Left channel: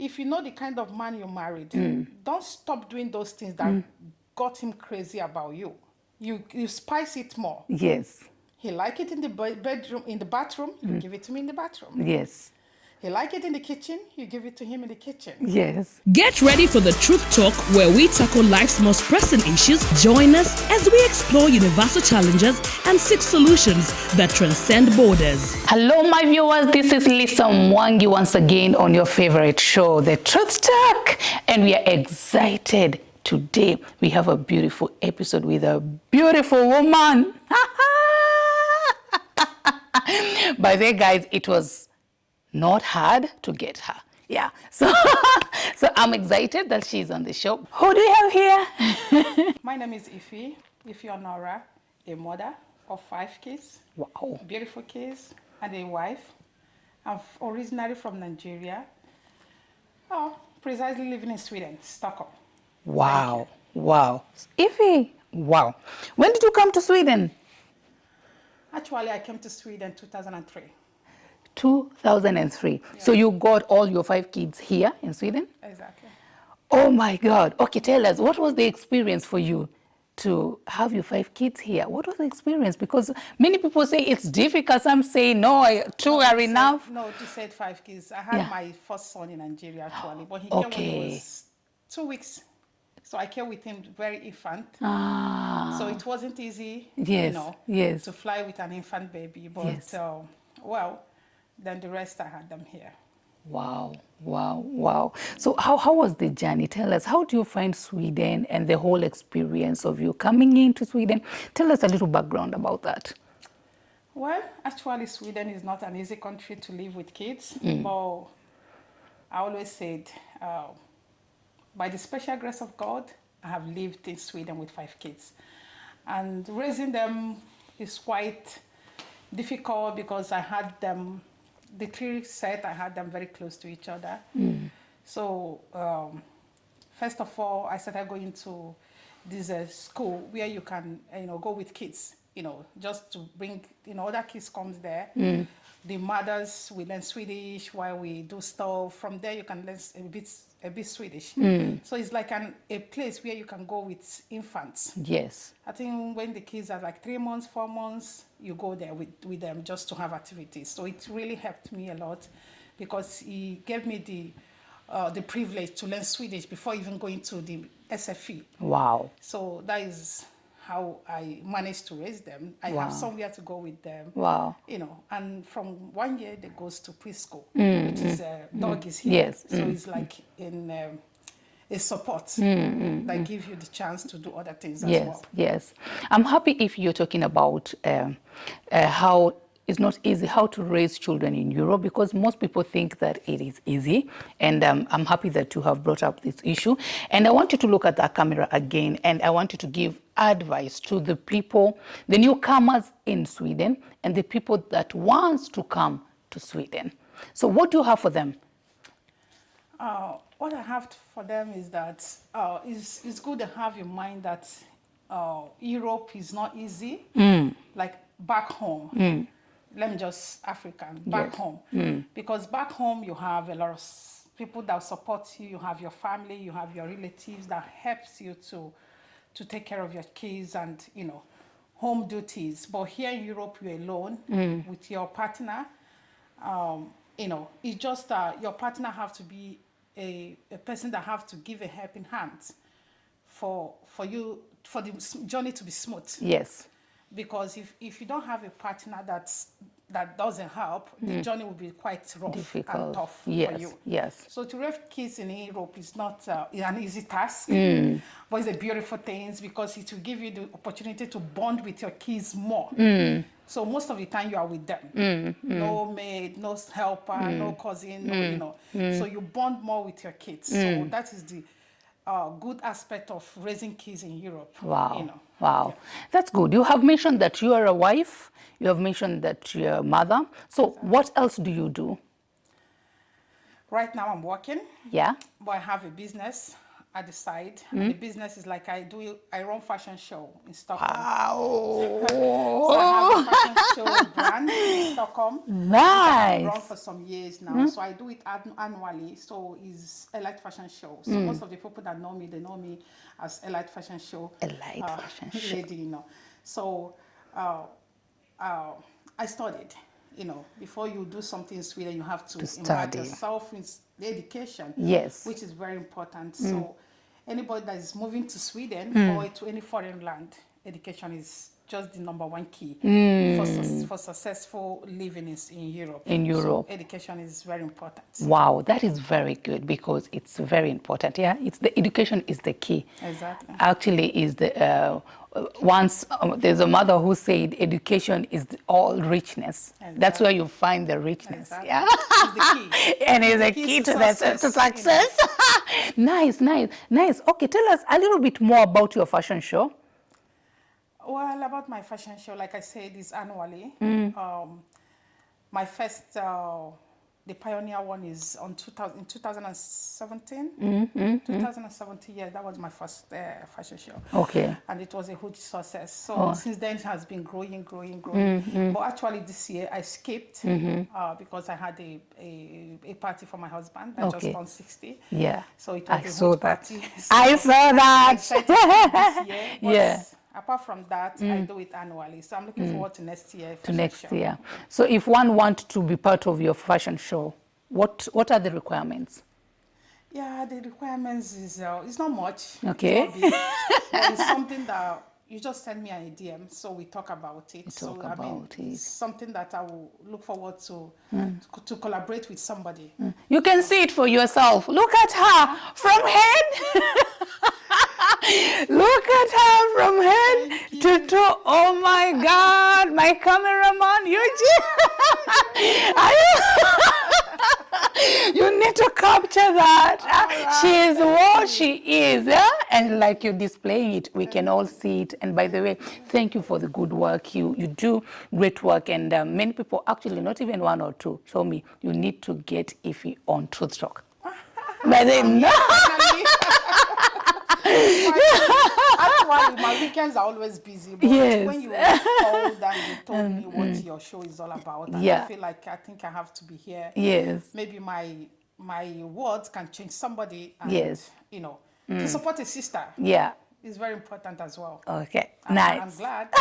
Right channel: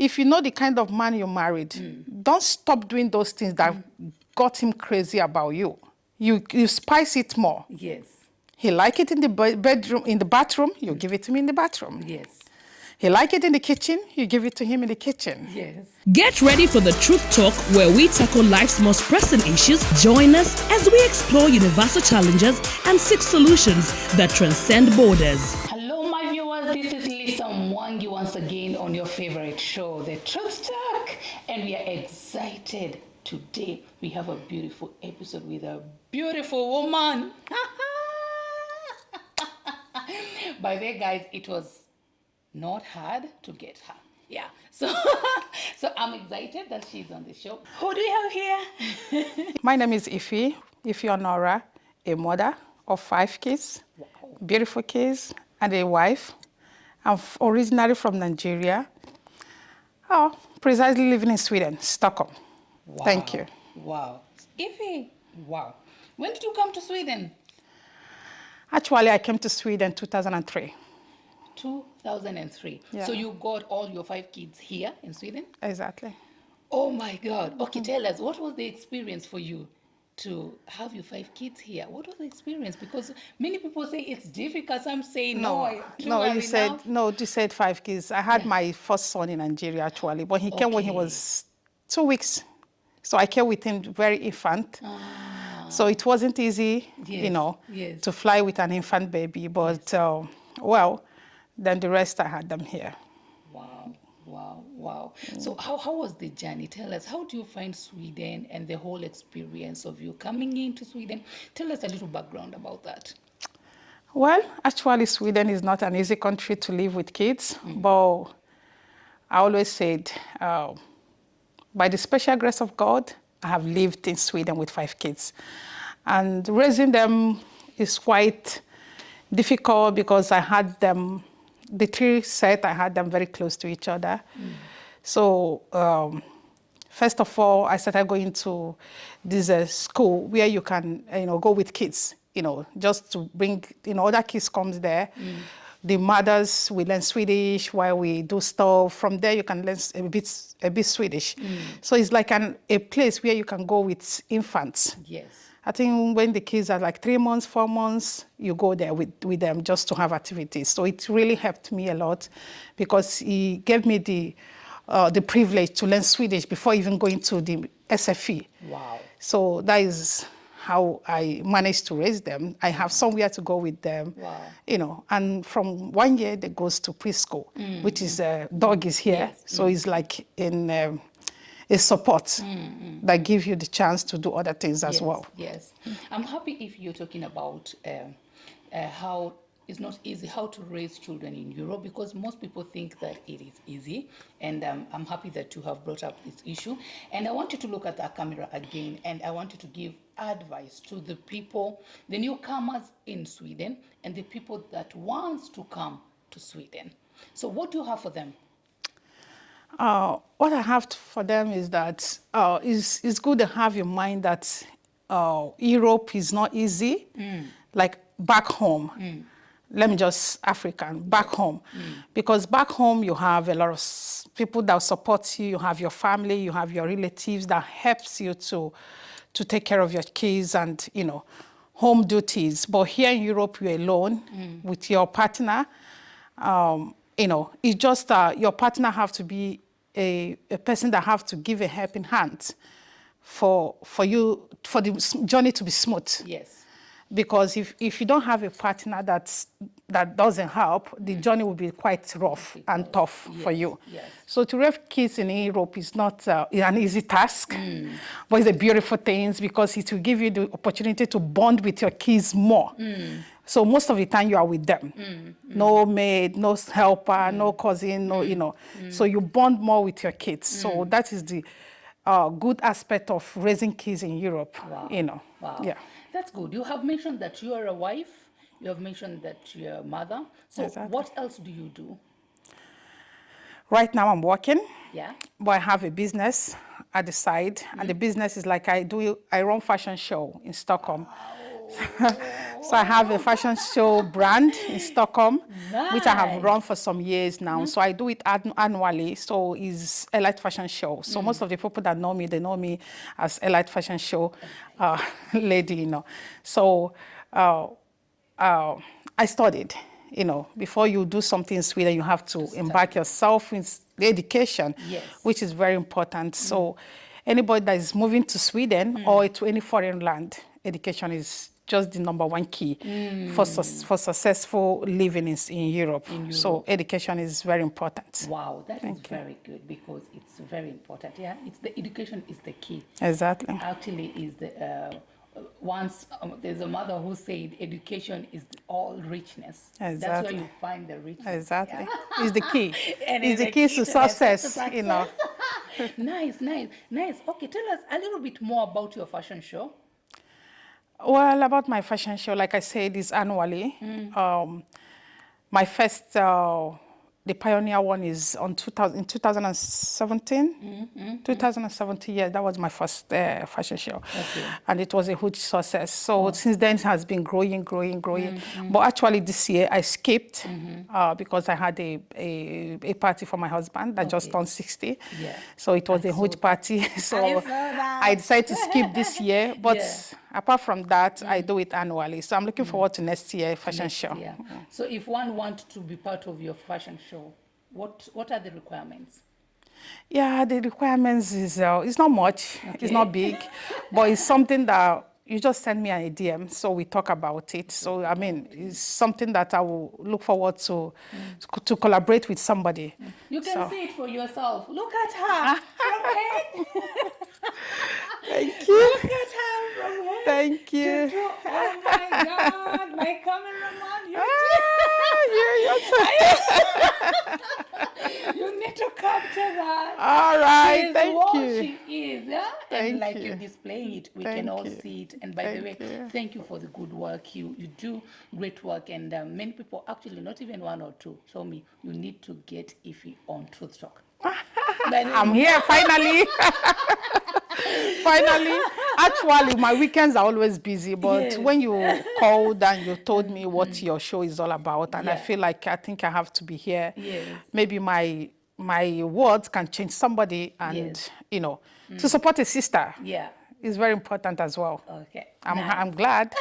if you know the kind of man you married, don't stop doing those things that got him crazy about you. You spice it more. Yes. He like it in the bedroom, in the bathroom, you give it to me in the bathroom. Yes. He like it in the kitchen, you give it to him in the kitchen. Yes. Get ready for the Truth Talk, where we tackle life's most pressing issues. Join us as we explore universal challenges and seek solutions that transcend borders. Hello, my viewers. This is Lisa Mwangi once again on your favorite show, The Truth Talk. And we are excited. Today, we have a beautiful episode with a beautiful woman. By the way, guys, it was not hard to get her. Yeah. So I'm excited that she's on the show. Who do you have here? My name is Ife Honora, a mother of 5 kids. Wow. Beautiful kids and a wife. I'm originally from Nigeria. Precisely living in Sweden, Stockholm. Wow. Thank you. Wow. Ife, wow. When did you come to Sweden? Actually, I came to Sweden 2003. 2003. Yeah. So you got all your 5 kids here in Sweden? Exactly. Oh my God. Okay, tell us, what was the experience for you to have your 5 kids here? What was the experience? Because many people say it's difficult. Some say, two are enough. No, you said 5 kids. I had my first son in Nigeria, actually, but he came when he was 2 weeks. So I came with him very infant. So it wasn't easy, to fly with an infant baby. But, then the rest I had them here. Wow, wow, wow. So how was the journey? Tell us, how do you find Sweden and the whole experience of you coming into Sweden? Tell us a little background about that. Well, actually, Sweden is not an easy country to live with kids. But I always said, by the special grace of God, I have lived in Sweden with 5 kids. And raising them is quite difficult because I had them, the 3 set, I had them very close to each other. So first of all, I started going to this school where you can, go with kids, just to bring, other kids comes there. The mothers will learn Swedish while we do stuff. From there, you can learn a bit Swedish. So it's like a place where you can go with infants. Yes. I think when the kids are like 3 months, 4 months, you go there with them just to have activities. So it really helped me a lot because he gave me the privilege to learn Swedish before even going to the SFE. Wow. So that is how I managed to raise them. I have somewhere to go with them. Wow. And from 1 year, they goes to preschool, which is dog is here. Yes. So it's like in a support that gives you the chance to do other things as well. Yes. I'm happy if you're talking about how it's not easy how to raise children in Europe, because most people think that it is easy. And I'm happy that you have brought up this issue. And I want you to look at that camera again, and I want you to give advice to the people, the newcomers in Sweden, and the people that wants to come to Sweden. So what do you have for them? What I have for them is that it's good to have in mind that Europe is not easy, like back home. Let me just African, back home. Because back home, you have a lot of people that support you, you have your family, you have your relatives that helps you to take care of your kids and, home duties. But here in Europe, you're alone with your partner. It's just your partner have to be a person that have to give a helping hand for the journey to be smooth. Yes. Because if you don't have a partner that doesn't help, the journey will be quite rough and tough for you. Yes. So to raise kids in Europe is not an easy task, but it's a beautiful thing because it will give you the opportunity to bond with your kids more. So most of the time you are with them. No maid, no helper, no cousin, So you bond more with your kids. So that is the good aspect of raising kids in Europe. Wow. Wow. Yeah. That's good. You have mentioned that you are a wife. You have mentioned that you're a mother. So what else do you do? Right now I'm working. Yeah. But I have a business. at the side, and the business is like I run fashion show in Stockholm. So I have a fashion show brand in Stockholm, which I have run for some years now. So I do it annually. So it's Elite Fashion Show. So most of the people that know me, they know me as Elite Fashion Show lady, you know. So I studied. You know, before you do something in Sweden, you have to embark yourself in the education, which is very important. So anybody that is moving to Sweden or to any foreign land, education is just the #1 key for successful living in Europe. So education is very important. Wow, that is very good because it's very important. Yeah, the education is the key. Exactly. Actually, is the once there's a mother who said education is all richness. Exactly. That's where you find the richness. Exactly. Yeah? It's the key. And it's the key to success. You know. Nice, nice, nice. Okay, tell us a little bit more about your fashion show. Well, about my fashion show, like I said, is annually. My first, the pioneer one is in 2017. 2017, yeah, that was my first fashion show. Okay. And it was a huge success. So since then, it has been growing. But actually, this year, I skipped because I had a party for my husband that just turned 60. Yeah. So it was a huge party. So I saw that. I decided to skip this year. But apart from that, I do it annually. So I'm looking forward to next year fashion show. Year. So if one wants to be part of your fashion show, what are the requirements? Yeah, the requirements is it's not much. It's not big, but it's something that you just send me an DM, so we talk about it. I mean, it's something that I will look forward to collaborate with somebody. You can see it for yourself. Look at her from head. Look at her from head to toe. Oh my God, my cameraman, you need to capture that. She is what she is, yeah? And like you're displaying it, we can all see it. And by the way, thank you for the good work. You do great work. And many people, actually, not even one or two, told me you need to get Ify on Truth Talk. I'm here, finally. Finally, actually, my weekends are always busy, but when you called and you told me what your show is all about, and I feel like I think I have to be here. Yes. Maybe my words can change somebody, and you know, to support a sister. Yeah, is very important as well. Okay, I'm glad.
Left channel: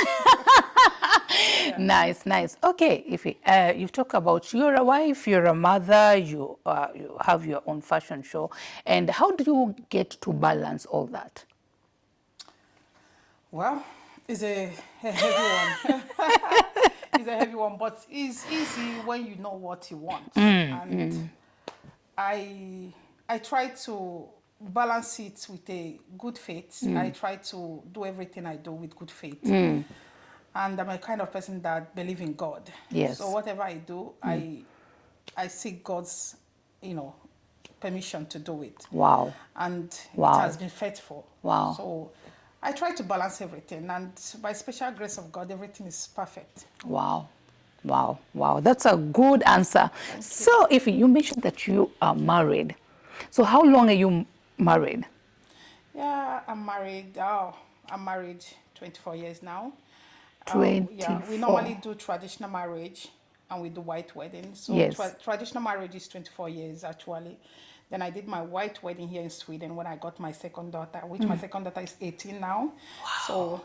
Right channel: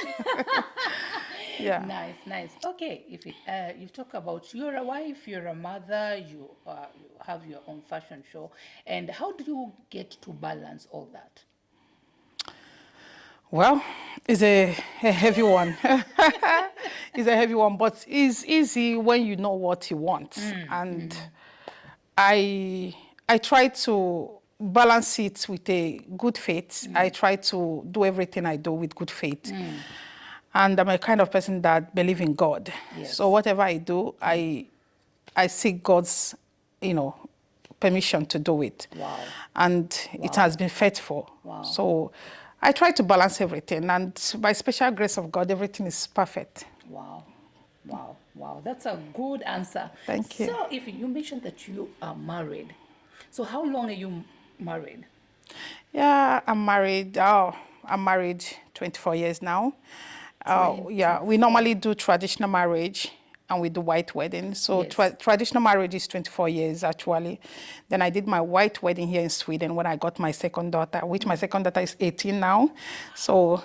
Nice. Okay, Ify, you've talked about you're a wife, you're a mother, you have your own fashion show, and how do you get to balance all that? Well, it's a heavy one. It's a heavy one, but it's easy when you know what you want. And I try to balance it with a good faith. I try to do everything I do with good faith. And I'm a kind of person that believes in God. Yes. So whatever I do, I seek God's, permission to do it. Wow. And it has been faithful. Wow. So I try to balance everything, and by special grace of God, everything is perfect. Wow. That's a good answer. Thank you. So, Ify, you mentioned that you are married. So how long are you married? Yeah, I'm married. I'm married 24 years now. Yeah, we normally do traditional marriage and we do white wedding. So traditional marriage is 24 years actually. Then I did my white wedding here in Sweden when I got my second daughter, which my second daughter is 18 now. Wow. So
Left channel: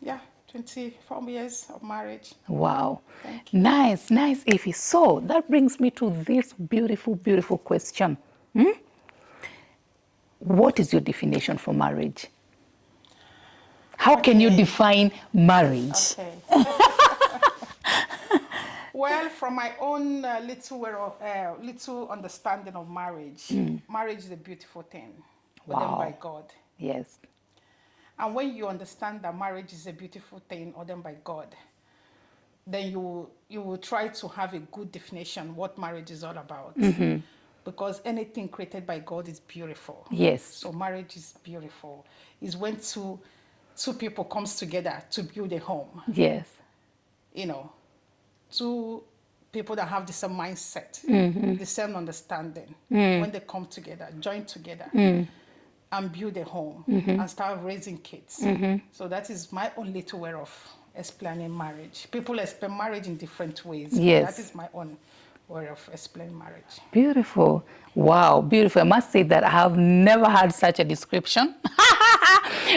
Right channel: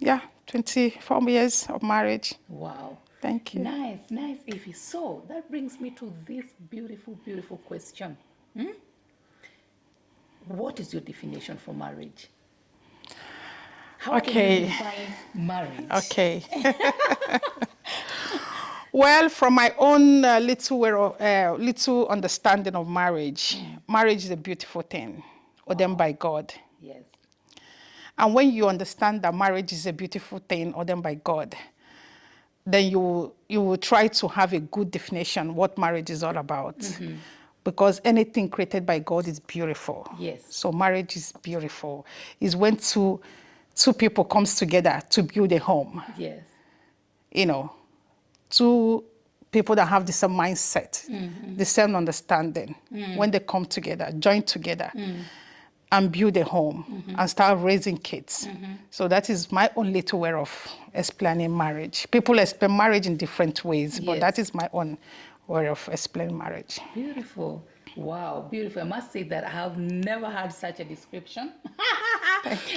yeah, 24 years of marriage. Wow. Thank you. Nice, Ify. So that brings me to this beautiful question. What is your definition for marriage? How can you define marriage? Okay. Well, from my own little understanding of marriage, marriage is a beautiful thing, ordained by God. Yes. And when you understand that marriage is a beautiful thing ordained by God, then you will try to have a good definition what marriage is all about. Because anything created by God is beautiful. Yes. So marriage is beautiful. It's when two people comes together to build a home. Yes. Two people that have the same mindset, the same understanding, when they come together, join together, and build a home and start raising kids. So that is my own little way of explaining marriage. People explain marriage in different ways, but that is my own way of explaining marriage. Beautiful. Wow, beautiful. I must say that I have never had such a description.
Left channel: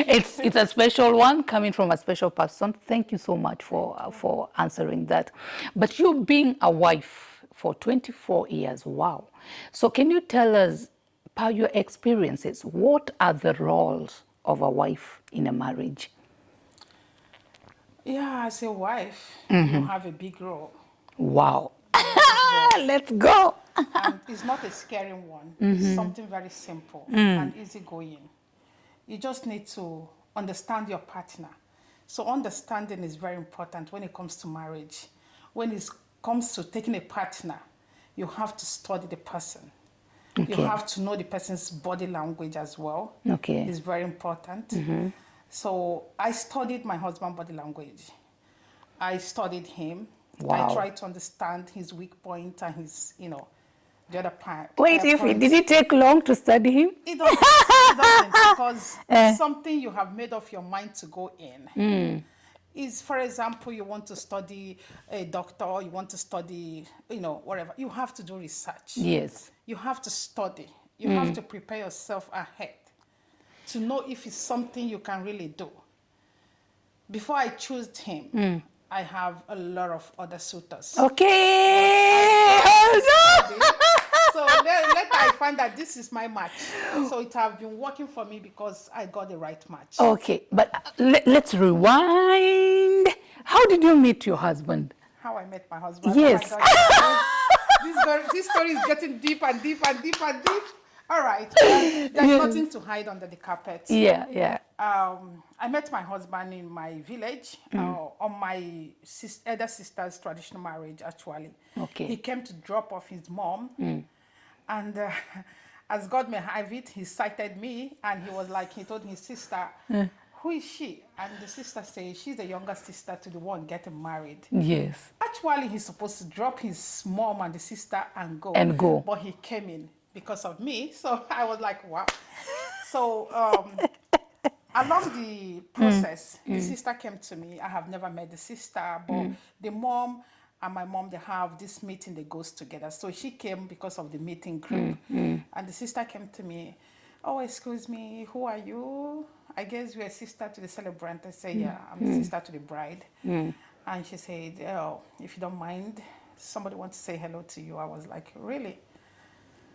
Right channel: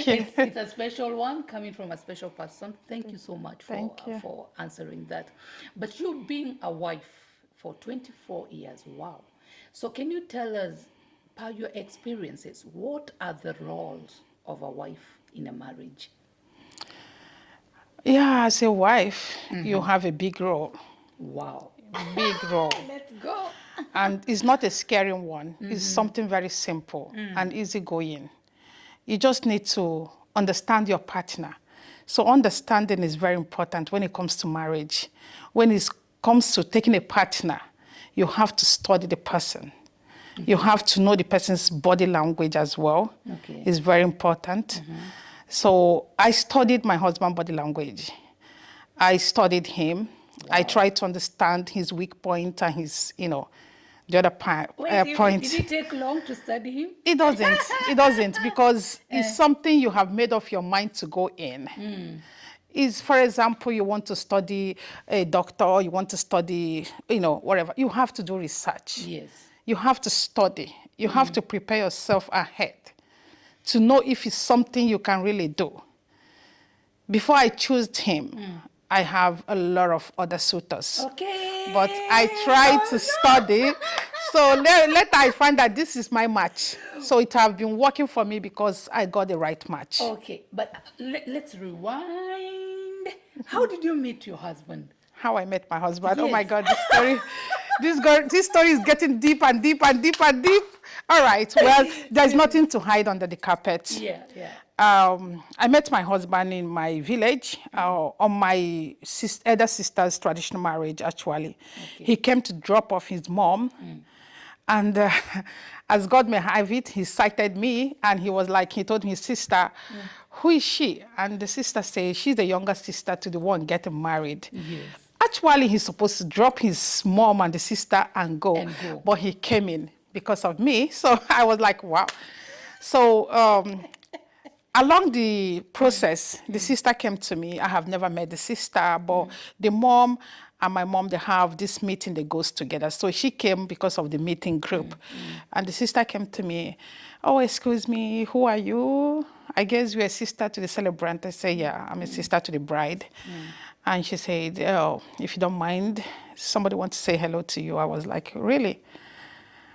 It's a special one coming from a special person. Thank you so much for answering that. But you being a wife for 24 years, wow. So can you tell us, by your experiences, what are the roles of a wife in a marriage? Yeah, as a wife, you have a big role. Wow. Big role. Let's go. And it's not a scary one. It's something very simple and easygoing. You just need to understand your partner. So understanding is very important when it comes to marriage. When it comes to taking a partner, you have to study the person. You have to know the person's body language as well. It's very important. So I studied my husband's body language. I studied him. Wow. I tried to understand his weak point and his, the other point. Wait, did it take long to study him? It doesn't. It doesn't, because it's something you have made up your mind to go in. Is, for example, you want to study a doctor, or you want to study, whatever. You have to do research. Yes. You have to study. You have to prepare yourself ahead to know if it's something you can really do. Before I chose him, I have a lot of other suitors. Okay. But I tried to study. So later I find that this is my match. So it has been working for me because I got the right match. Okay, but let's rewind. How did you meet your husband? How I met my husband? Yes. Oh my God, this story is getting deep and deep and deep and deep. All right, well, there's nothing to hide under the carpet. Yeah. I met my husband in my village on my elder sister's traditional marriage, actually. Okay. He came to drop off his mom. And as God may have it, he cited me, and he told his sister, who is she? And the sister said, she's the younger sister to the one getting married. Yes. Actually, he's supposed to drop his mom and the sister and go. But he came in because of me. So I was like, wow. So along the process, the sister came to me. I have never met the sister, but the mom and my mom, they have this meeting that goes together. So she came because of the meeting group. And the sister came to me, oh, excuse me, who are you? I guess you're a sister to the celebrant. I say, yeah, I'm a sister to the bride. And she said, oh, if you don't mind, somebody wants to say hello to you. I was like, really?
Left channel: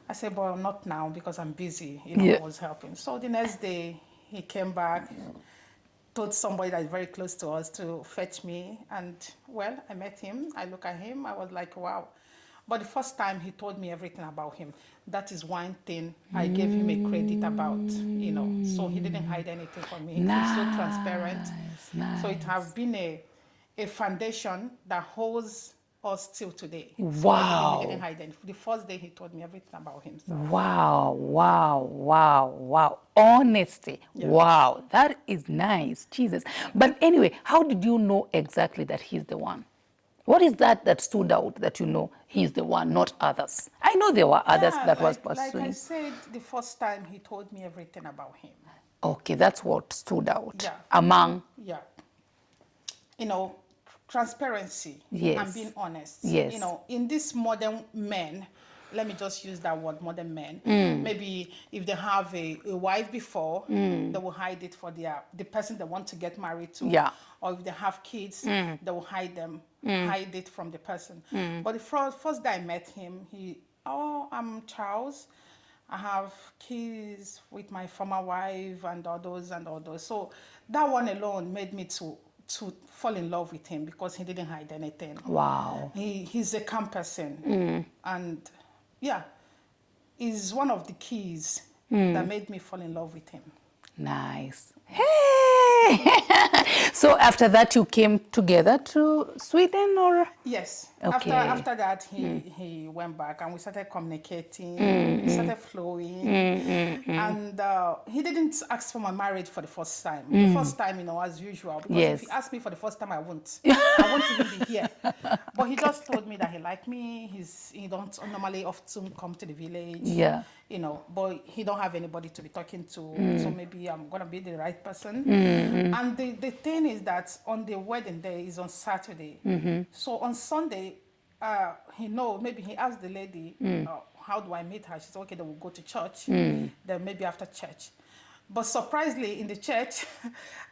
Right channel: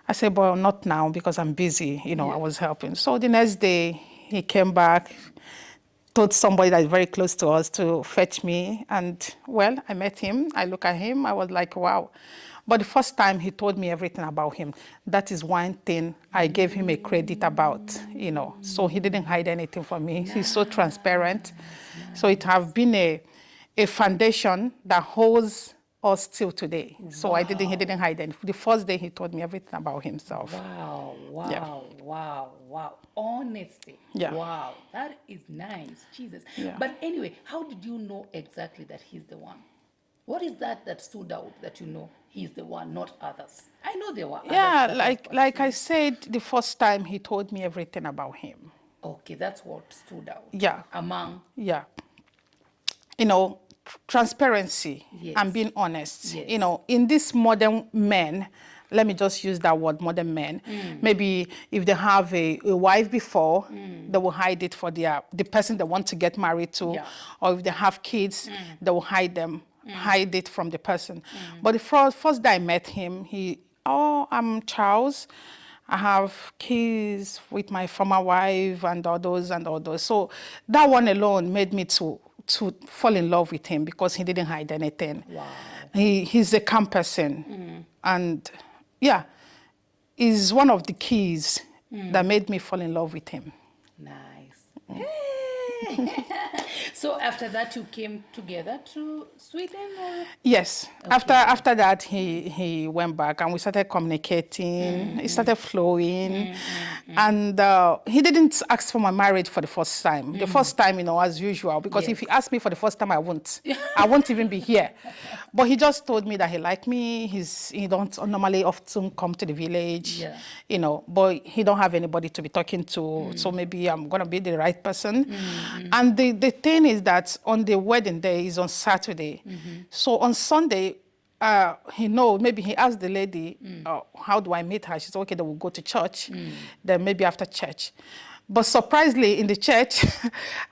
I said, well, not now because I'm busy. I was helping. So the next day, he came back, told somebody that's very close to us to fetch me. And, well, I met him. I look at him. I was like, wow. But the first time he told me everything about him, that is one thing I gave him a credit about, So he didn't hide anything from me. Nice, He's so transparent. nice. So it has been a foundation that holds us till today. So he didn't hide anything. The first day he told me everything about himself. Wow. Honesty. Yeah. Wow, that is nice. Jesus. Yeah. But anyway, how did you know exactly that he's the one? What is that stood out that you know he's the one, not others? I know there were others that was pursuing. like I said, the first time he told me everything about him. Okay, that's what stood out. Yeah. Among. Yeah. Transparency and being honest. Yes. In this modern men, let me just use that word, modern men. Maybe if they have a wife before, they will hide it for the person they want to get married to. Yeah. Or if they have kids, they will hide it from the person. But the first day I met him, I'm Charles. I have kids with my former wife and all those. So that one alone made me to fall in love with him because he didn't hide anything. Wow. He's a calm person. And yeah, is one of the keys that made me fall in love with him. Nice. Hey! Okay. So after that, you came together to Sweden, or? Yes. Okay. After that, he went back and we started communicating. It started flowing. And he didn't ask for my marriage for the first time. The first time, as usual, because if he Yes. asked me for the first time, I won't. I won't even be here. But he just told me that he liked me. He don't normally often come to the village. Yeah. But he don't have anybody to be talking to. So maybe I'm going to be the right person. And the thing is that on the wedding day is on Saturday. So on Sunday, maybe he asked the lady, how do I meet her? She said, okay, then we'll go to church. Then maybe after church. But surprisingly, in the church,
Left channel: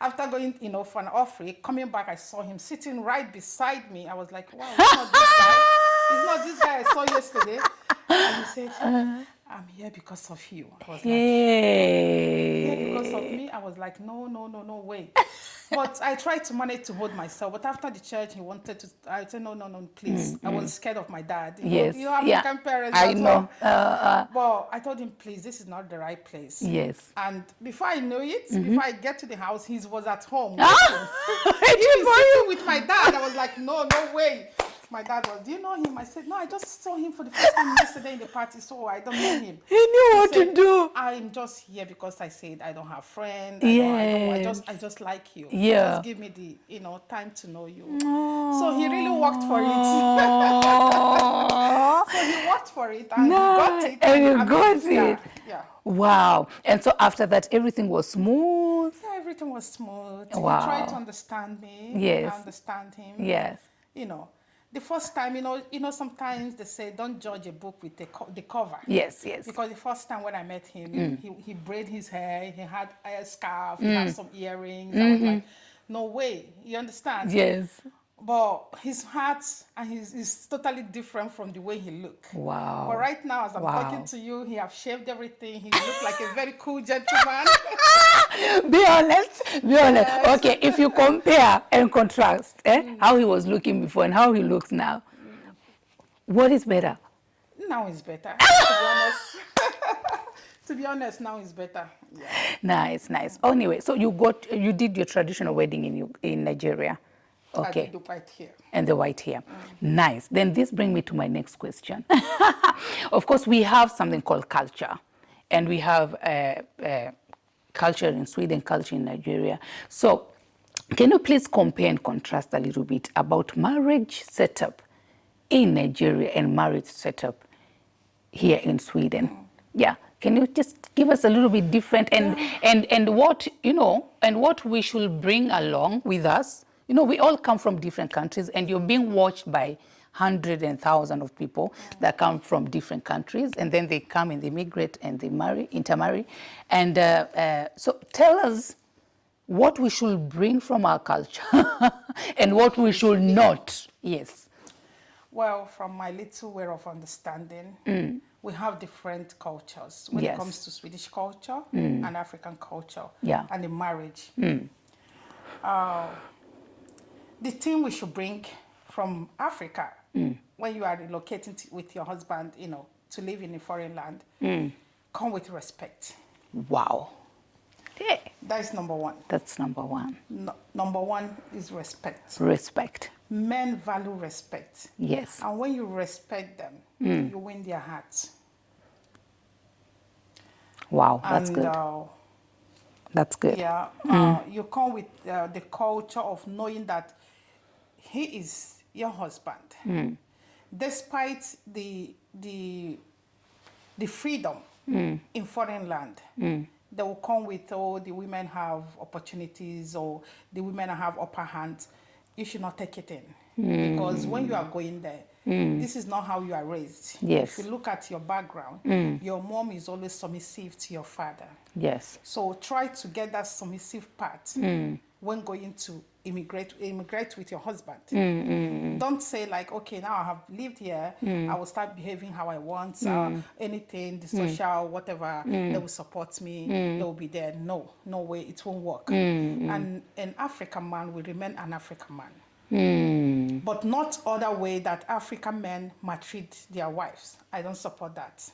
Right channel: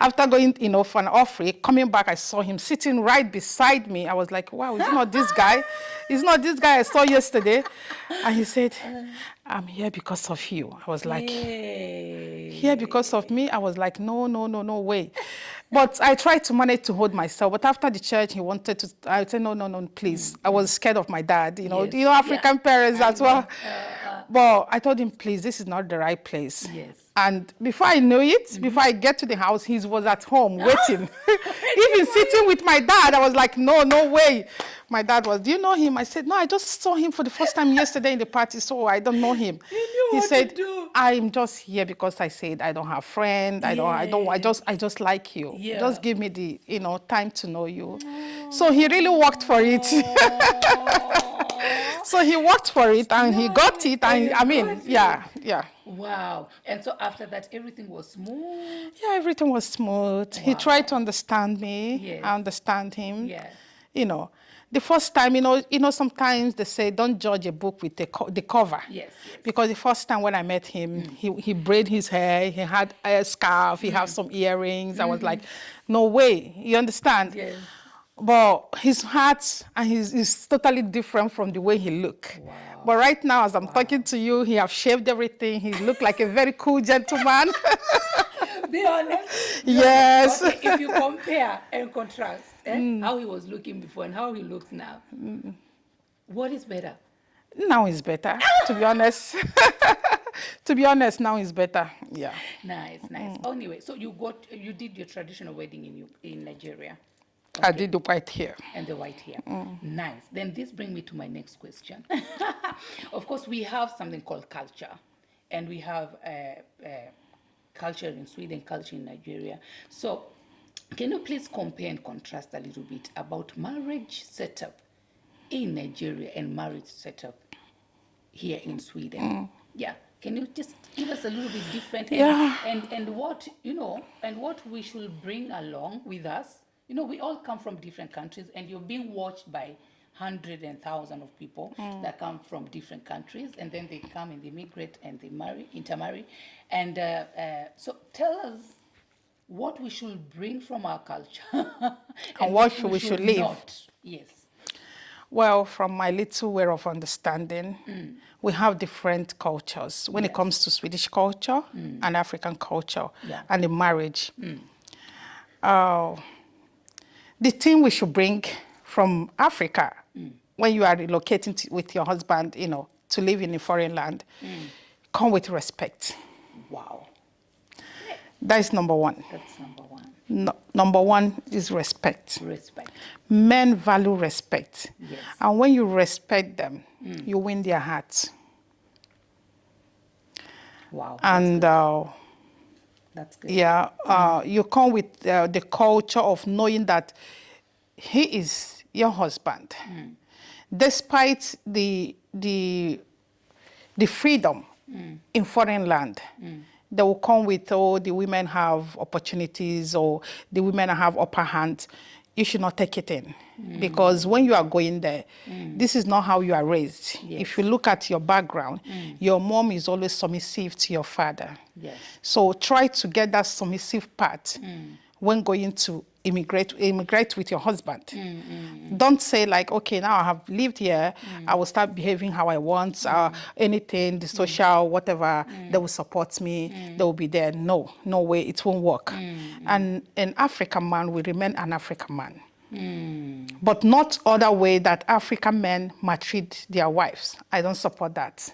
after going, for an offering, coming back, I saw him sitting right beside me. I was like, wow, it's not this guy. It's not this guy I saw yesterday. And he said, I'm here because of you. I was like, here because of me? I was like, no way. But I tried to manage to hold myself. But after the church, he wanted to, I said, no, please. I was scared of my dad. African parents as well. But I told him, please, this is not the right place. Yes. And before I knew it, before I get to the house, he was at home waiting. Even sitting with my dad, I was like, no way. My dad was, do you know him? I said, no, I just saw him for the first time yesterday in the party, so I don't know him. He knew He what said, to do. I'm just here because I said I don't have friends. I just like you. Yeah. Just give me the, time to know you. So he really worked for it. So he worked for it and he got it. And yeah. Wow. And so after that, everything was smooth? Yeah, everything was smooth. Wow. He tried to understand me. Yes. I understand him. Yes. The first time, sometimes they say don't judge a book with the cover. Yes. Because the first time when I met him, he braided his hair, he had a scarf, he had some earrings. I was like, no way, you understand? Yes. But his heart and is totally different from the way he looked. Wow. But right now, as I'm talking to you, he have shaved everything. He looked like a very cool gentleman. Be honest. Yes. Honest. Okay, if you compare and contrast how he was looking before and how he looks now, what is better? Now is better, to be honest. To be honest, now is better. Yeah. Nice. Anyway, so you did your traditional wedding in Nigeria. Okay. I did the white hair. And the white hair. Nice. Then this brings me to my next question. Of course, we have something called culture. And we have culture in Sweden, culture in Nigeria. So can you please compare and contrast a little bit about marriage setup in Nigeria and marriage setup here in Sweden? Yeah. Can you just give us a little bit different and what, and what we should bring along with us? We all come from different countries, and you're being watched by hundreds and thousands of people that come from different countries, and then they come and they migrate and they intermarry. And so tell us what we should bring from our culture and what we should not. Yes. Well, from my little way of understanding, we have different cultures when it comes to Swedish culture and African culture and the marriage. The thing we should bring from Africa when you are relocating with your husband, to live in a foreign land, come with respect. Wow. Yeah. That is number one. That's number one. Number one is respect. Respect. Men value respect. Yes. And when you respect them, you win their hearts. Wow. That's and good. That's good. Yeah, you come with the culture of knowing that he is your husband, despite the freedom in foreign land. They will come with, the women have opportunities or the women have upper hand. You should not take it in. Because when you are going there, this is not how you are raised. Yes. If you look at your background, your mom is always submissive to your father. Yes. So try to get that submissive part when going to immigrate with your husband. Don't say like, okay, now I have lived here, I will start behaving how I want, anything, the social, whatever, they will support me, they will be there. No way, it won't work. And an African man will remain an African man. But not other way that African men maltreat their wives. I don't support that.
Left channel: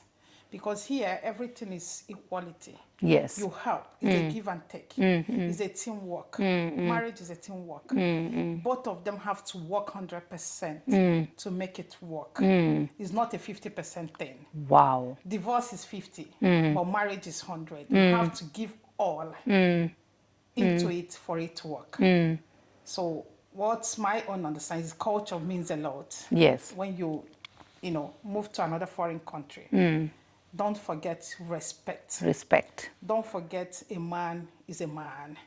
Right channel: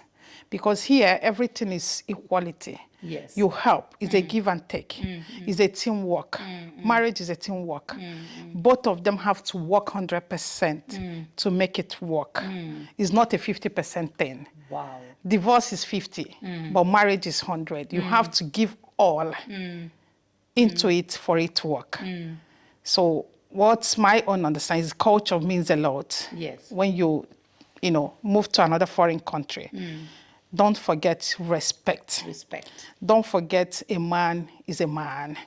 Because here, everything is equality. Yes. You help. It's a give and take. It's a teamwork. Marriage is a teamwork. Both of them have to work 100% to make it work. It's not a 50% thing. Wow. Divorce is 50, but marriage is 100. You have to give all into it for it to work. So what's my own understanding is culture means a lot. Yes. When you move to another foreign country, don't forget respect. Respect. Don't forget a man is a man,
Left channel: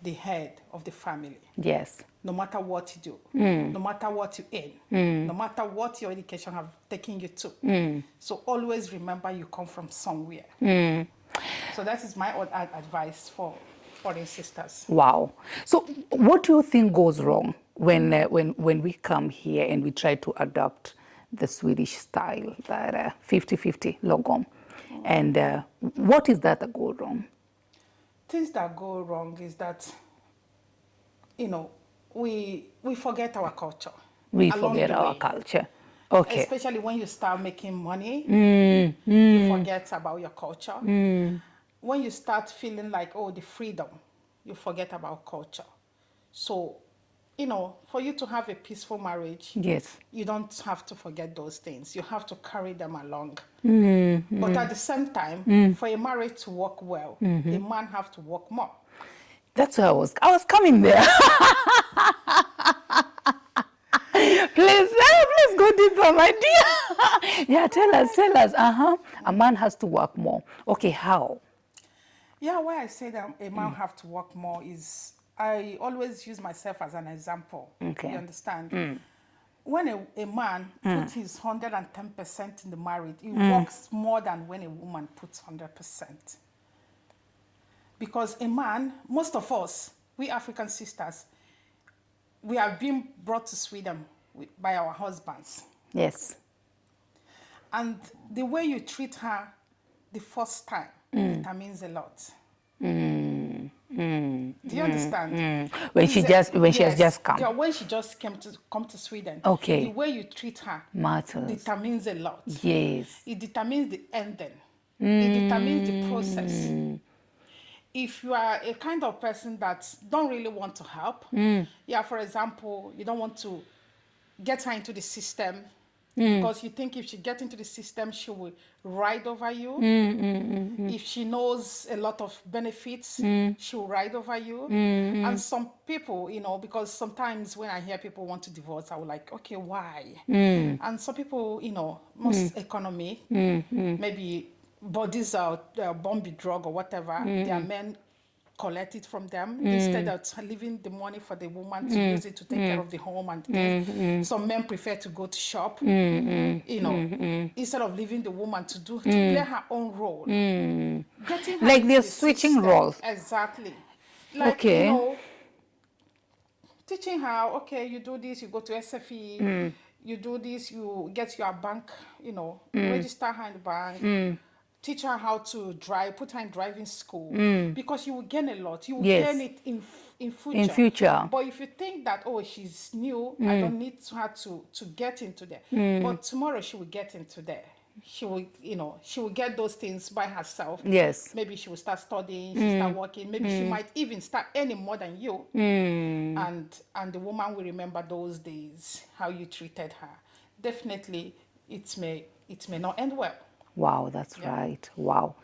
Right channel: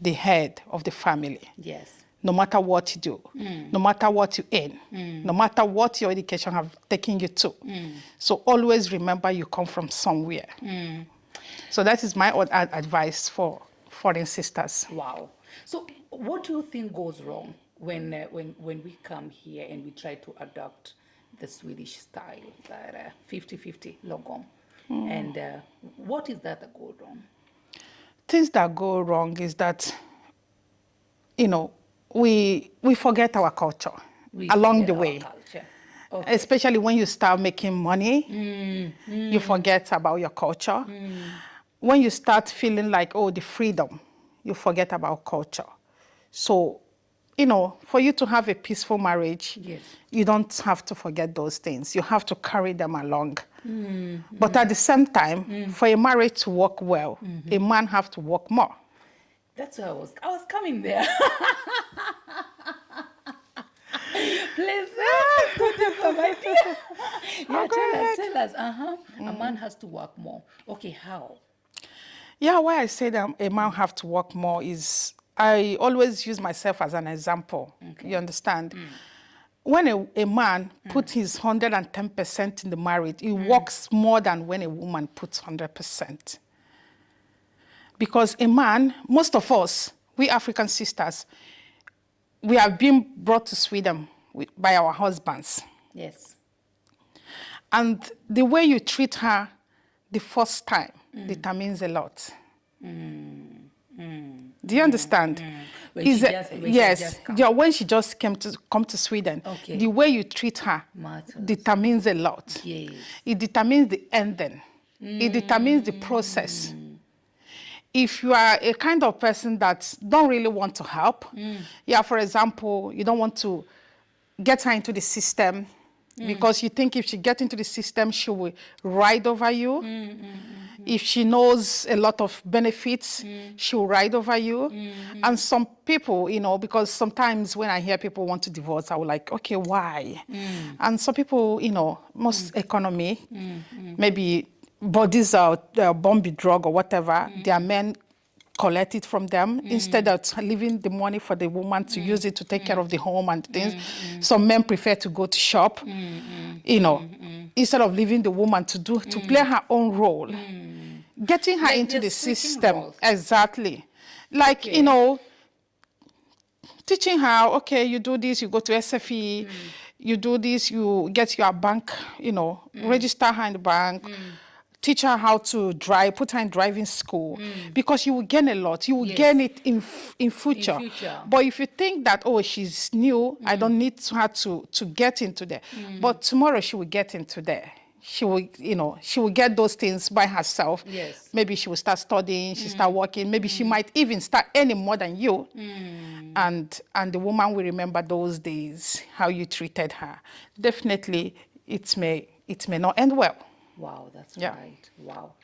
the head of the family. Yes. No matter what you do, no matter what you earn, no matter what your education have taken you to. So always remember you come from somewhere. So that is my own advice for foreign sisters. Wow. So what do you think goes wrong when we come here and we try to adopt the Swedish style, that 50-50 lagom? And what is that goes wrong? Things that go wrong is that, we forget our culture along the way. Our culture. Okay. Especially when you start making money, you forget about your culture. When you start feeling like, the freedom, you forget about culture. So, for you to have a peaceful marriage, Yes. you don't have to forget those things. You have to carry them along. But at the same time, for a marriage to work well, a man have to work more. That's where I was coming there. Please go deeper, my dear. Yeah, tell us. A man has to work more. Okay, how? Yeah, why I say that a man have to work more is, I always use myself as an example. Okay. You understand? When a man puts his 110% in the marriage, he works more than when a woman puts 100%. Because a man, most of us, we African sisters, we have been brought to Sweden by our husbands. Yes. And the way you treat her the first time determines a lot. Do you understand? When she has just come. Yeah, when she just come to Sweden. Okay. The way you treat her Matters. determines a lot. Yes. It determines the ending. It determines the process. If you are a kind of person that don't really want to help, for example, you don't want to get her into the system because you think if she gets into the system, she will ride over you. If she knows a lot of benefits, she will ride over you. And some people, because sometimes when I hear people want to divorce, I will like, okay, why? And some people, most economy, maybe bodies are born with drug or whatever, their men collect it from them instead of leaving the money for the woman to use it to take care of the home and things. Some men prefer to go to shop, instead of leaving the woman to play her own role. Getting her Like into the switching system. roles. Exactly. Like, Okay. Teaching her, okay, you do this, you go to SFE, you do this, you get your bank, register her in the bank, teach her how to drive, put her in driving school, because you will gain a lot. You will gain it in future. In future. But if you think that, she's new, I don't need her to get into there. But tomorrow she will get into there. She will get those things by herself. Yes. Maybe she will start studying, she start working. Maybe she might even start earning more than you. And the woman will remember those days, how you treated her. Definitely, it may not end well. Wow, that's right. Wow.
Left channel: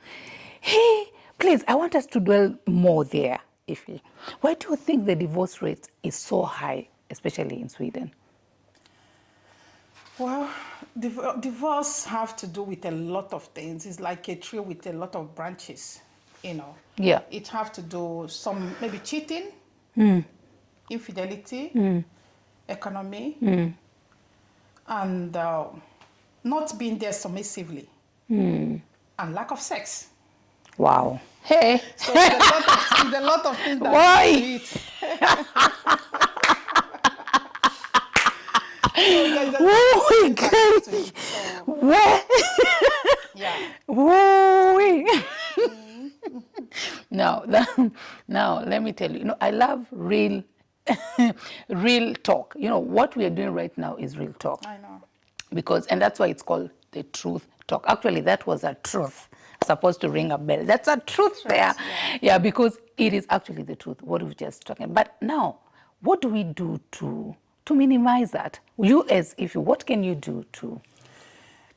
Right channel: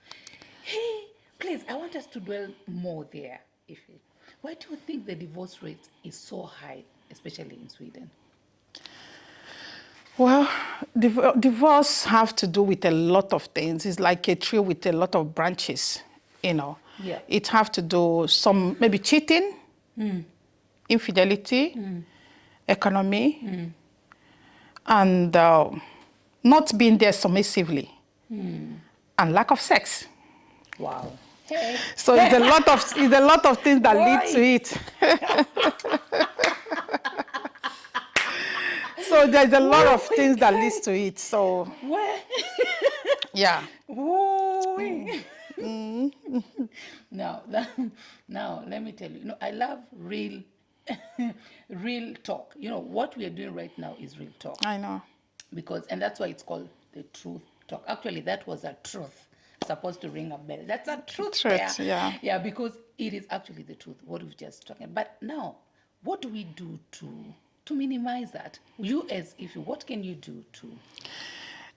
Hey, please, I want us to dwell more there. Why do you think the divorce rate is so high, especially in Sweden? Well, divorce have to do with a lot of things. It's like a tree with a lot of branches, Yeah. It have to do some, maybe cheating, infidelity, economy, and not being there submissively, and lack of sex. Wow. Hey, so it's a lot of things that lead to it. So there's a lot of things that leads to it. So yeah. Now, let me tell you, I love real talk. What we are doing right now is real talk. I know. And that's why it's called the Truth talk. Actually, that was a truth. Supposed to ring a bell. That's a truth there. Yeah. Yeah, because it is actually the truth, what we've just talking. But now, what do we do to minimize that? You as if you, what can you do to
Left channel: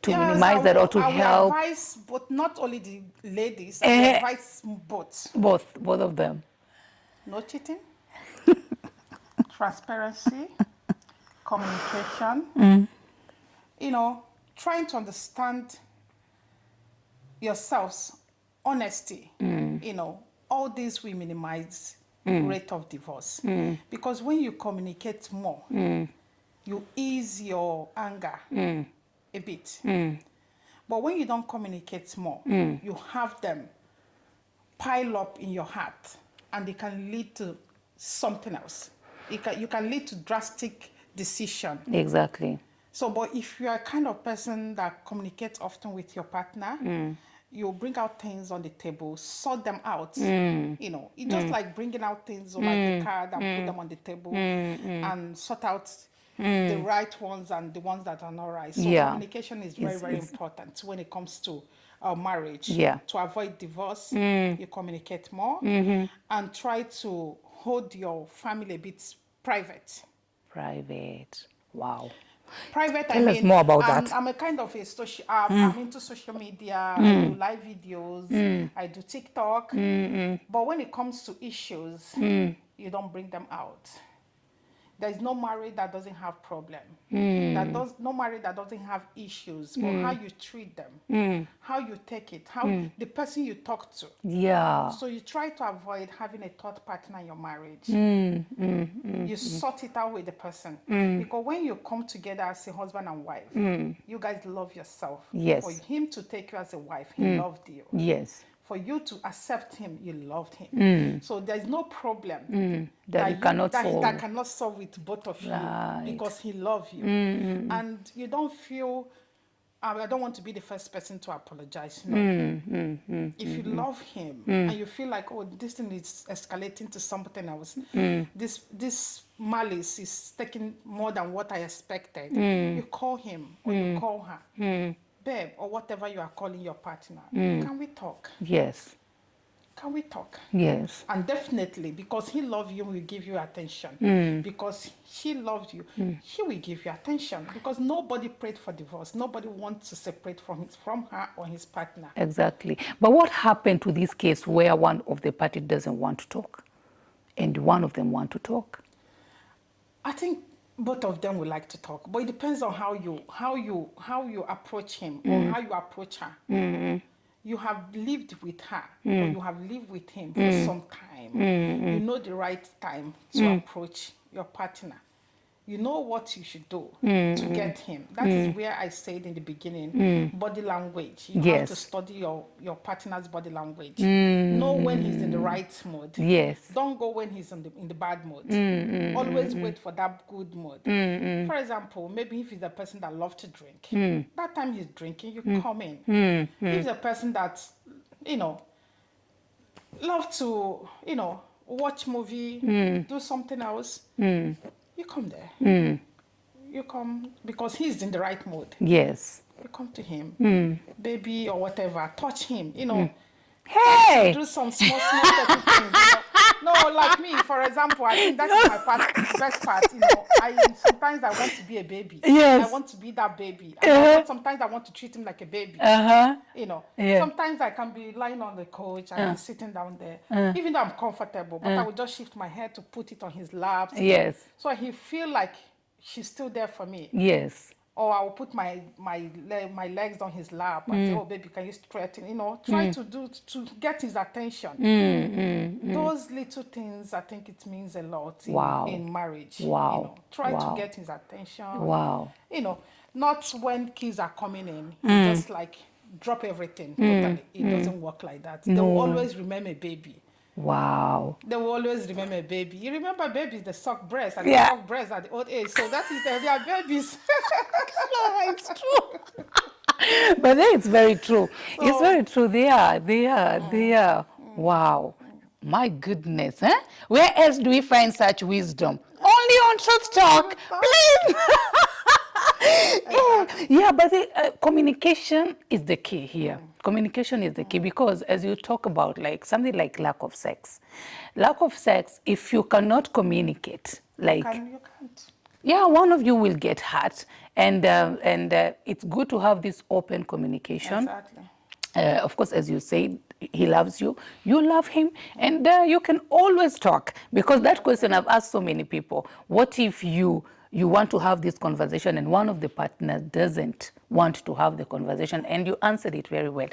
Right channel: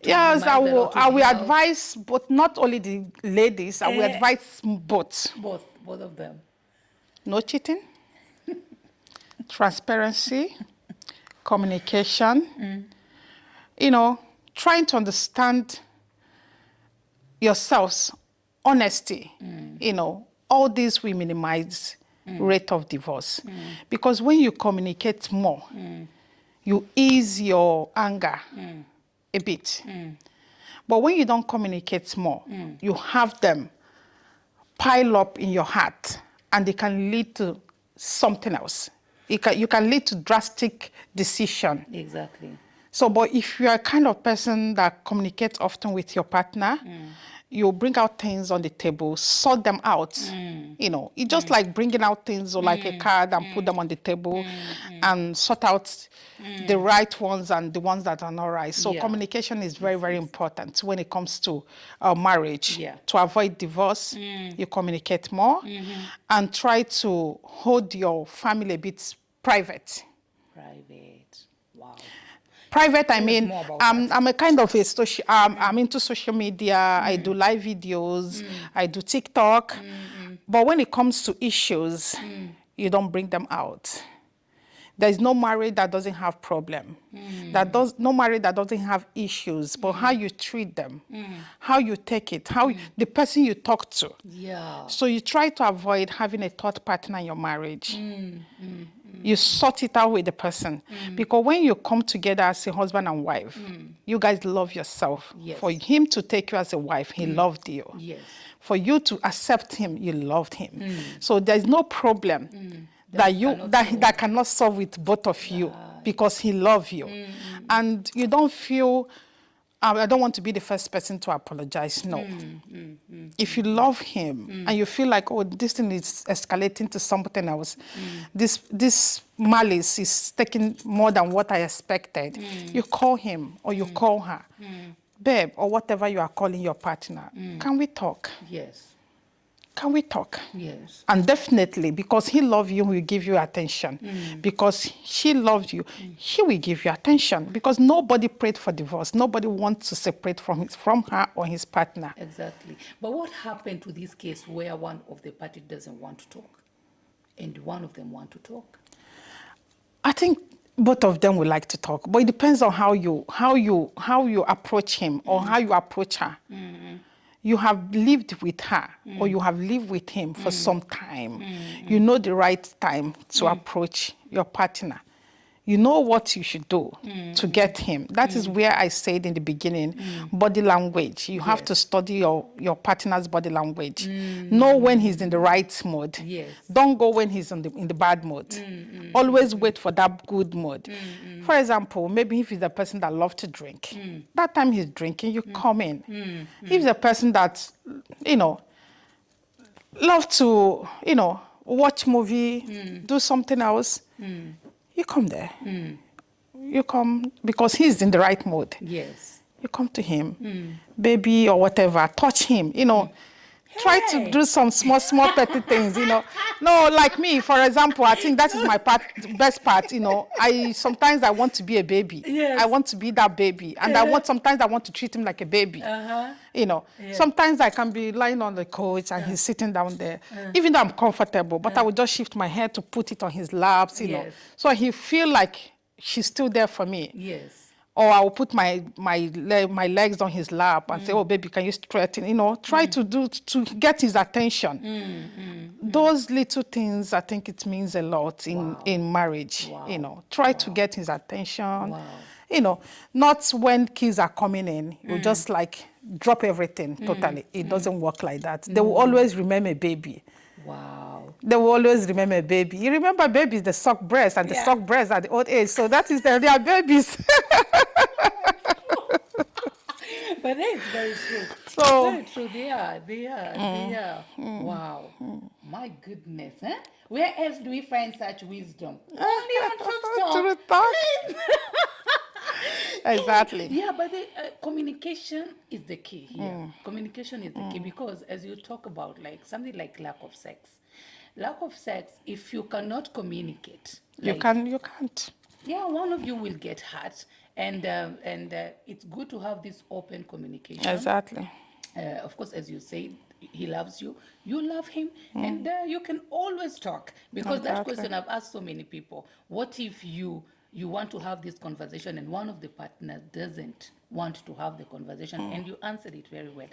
Yes, minimize that or to I will help? advise, but not only the ladies, I will advise both. Both of them. No cheating, transparency, communication, you know, trying to understand yourselves, honesty, you know, all this will minimize rate of divorce. Because when you communicate more, you ease your anger a bit. But when you don't communicate more, you have them pile up in your heart and they can lead to something else. You can lead to drastic decision. Exactly. So, but if you are a kind of person that communicates often with your partner, you bring out things on the table, sort them out. You know, it's just like bringing out things or like a card and put them on the table and sort out the right ones and the ones that are not right. So communication is very, very important when it comes to marriage. Yeah. To avoid divorce, you communicate more and try to hold your family a bit private. Private. Wow. Private, I Tell us mean, more about that. I'm a kind of a social, I'm into social media, I do live videos, I do TikTok, but when it comes to issues, you don't bring them out. There's no marriage that doesn't have problem. No marriage that doesn't have issues, but how you treat them, how you take it, how the person you talk to. Yeah. So you try to avoid having a third partner in your marriage. You sort it out with the person. Because when you come together as a husband and wife, you guys love yourself. Yes. For him to take you as a wife, he loved you. Yes. For you to accept him, you loved him. So there's no problem that cannot solve with both of you because he loves you. And you don't feel, I don't want to be the first person to apologize. No. If you love him and you feel like, oh, this thing is escalating to something else, this malice is taking more than what I expected, you call him or you call her. Babe, or whatever you are calling your partner, can we talk? Yes. Can we talk? Yes. And definitely, because he loves you, he will give you attention. Because she loves you, he will give you attention. Because nobody prayed for divorce. Nobody wants to separate from her or his partner. Exactly. But what happened to this case where one of the party doesn't want to talk and one of them want to talk? I think both of them would like to talk, but it depends on how you approach him or how you approach her. You have lived with her or you have lived with him for some time. You know the right time to approach your partner. You know what you should do to get him. That is where I said in the beginning, body language. You have to study your partner's body language. Know when he's in the right mood. Yes. Don't go when he's in the bad mood. Always wait for that good mood. For example, maybe if he's a person that loves to drink, that time he's drinking, you come in. If he's a person that, love to, watch movie, do something else, you come there. You come because he's in the right mood. Yes. You come to him, baby or whatever, touch him, Try to do some small petty things, No, like me, for example, I think that is my best part, Sometimes I want to be a baby. Yes. I want to be that baby. And sometimes I want to treat him like a baby. Yeah. Sometimes I can be lying on the couch and he's sitting down there. Even though I'm comfortable, but I would just shift my head to put it on his laps. Yes. So he feel like she's still there for me. Yes. Or I will put my legs on his lap and say, oh, baby, can you straighten? Try to get his attention. Those little things, I think it means a lot in marriage. Wow. Try to get his attention. Wow. Not when kids are coming in, you just like drop everything totally. It doesn't work like that. They will always remember baby. Wow. They will always remember baby. You remember babies, the suck breast and the suck breast at the old age. So that is they are babies. It's true. But then it's very true. So, it's very true. They are. Wow. My goodness. Huh? Where else do we find such wisdom? Only on Truth Talk. Please. Exactly. Yeah, but communication is the key here. Communication is the key because as you talk about like something like lack of sex, if you cannot communicate, like You can't. yeah, one of you will get hurt, and it's good to have this open communication. Exactly. Of course, as you say, he loves you, you love him, and you can always talk. Because that question I've asked so many people, what if you want to have this conversation and one of the partners doesn't want to have the conversation, and you answered it very well.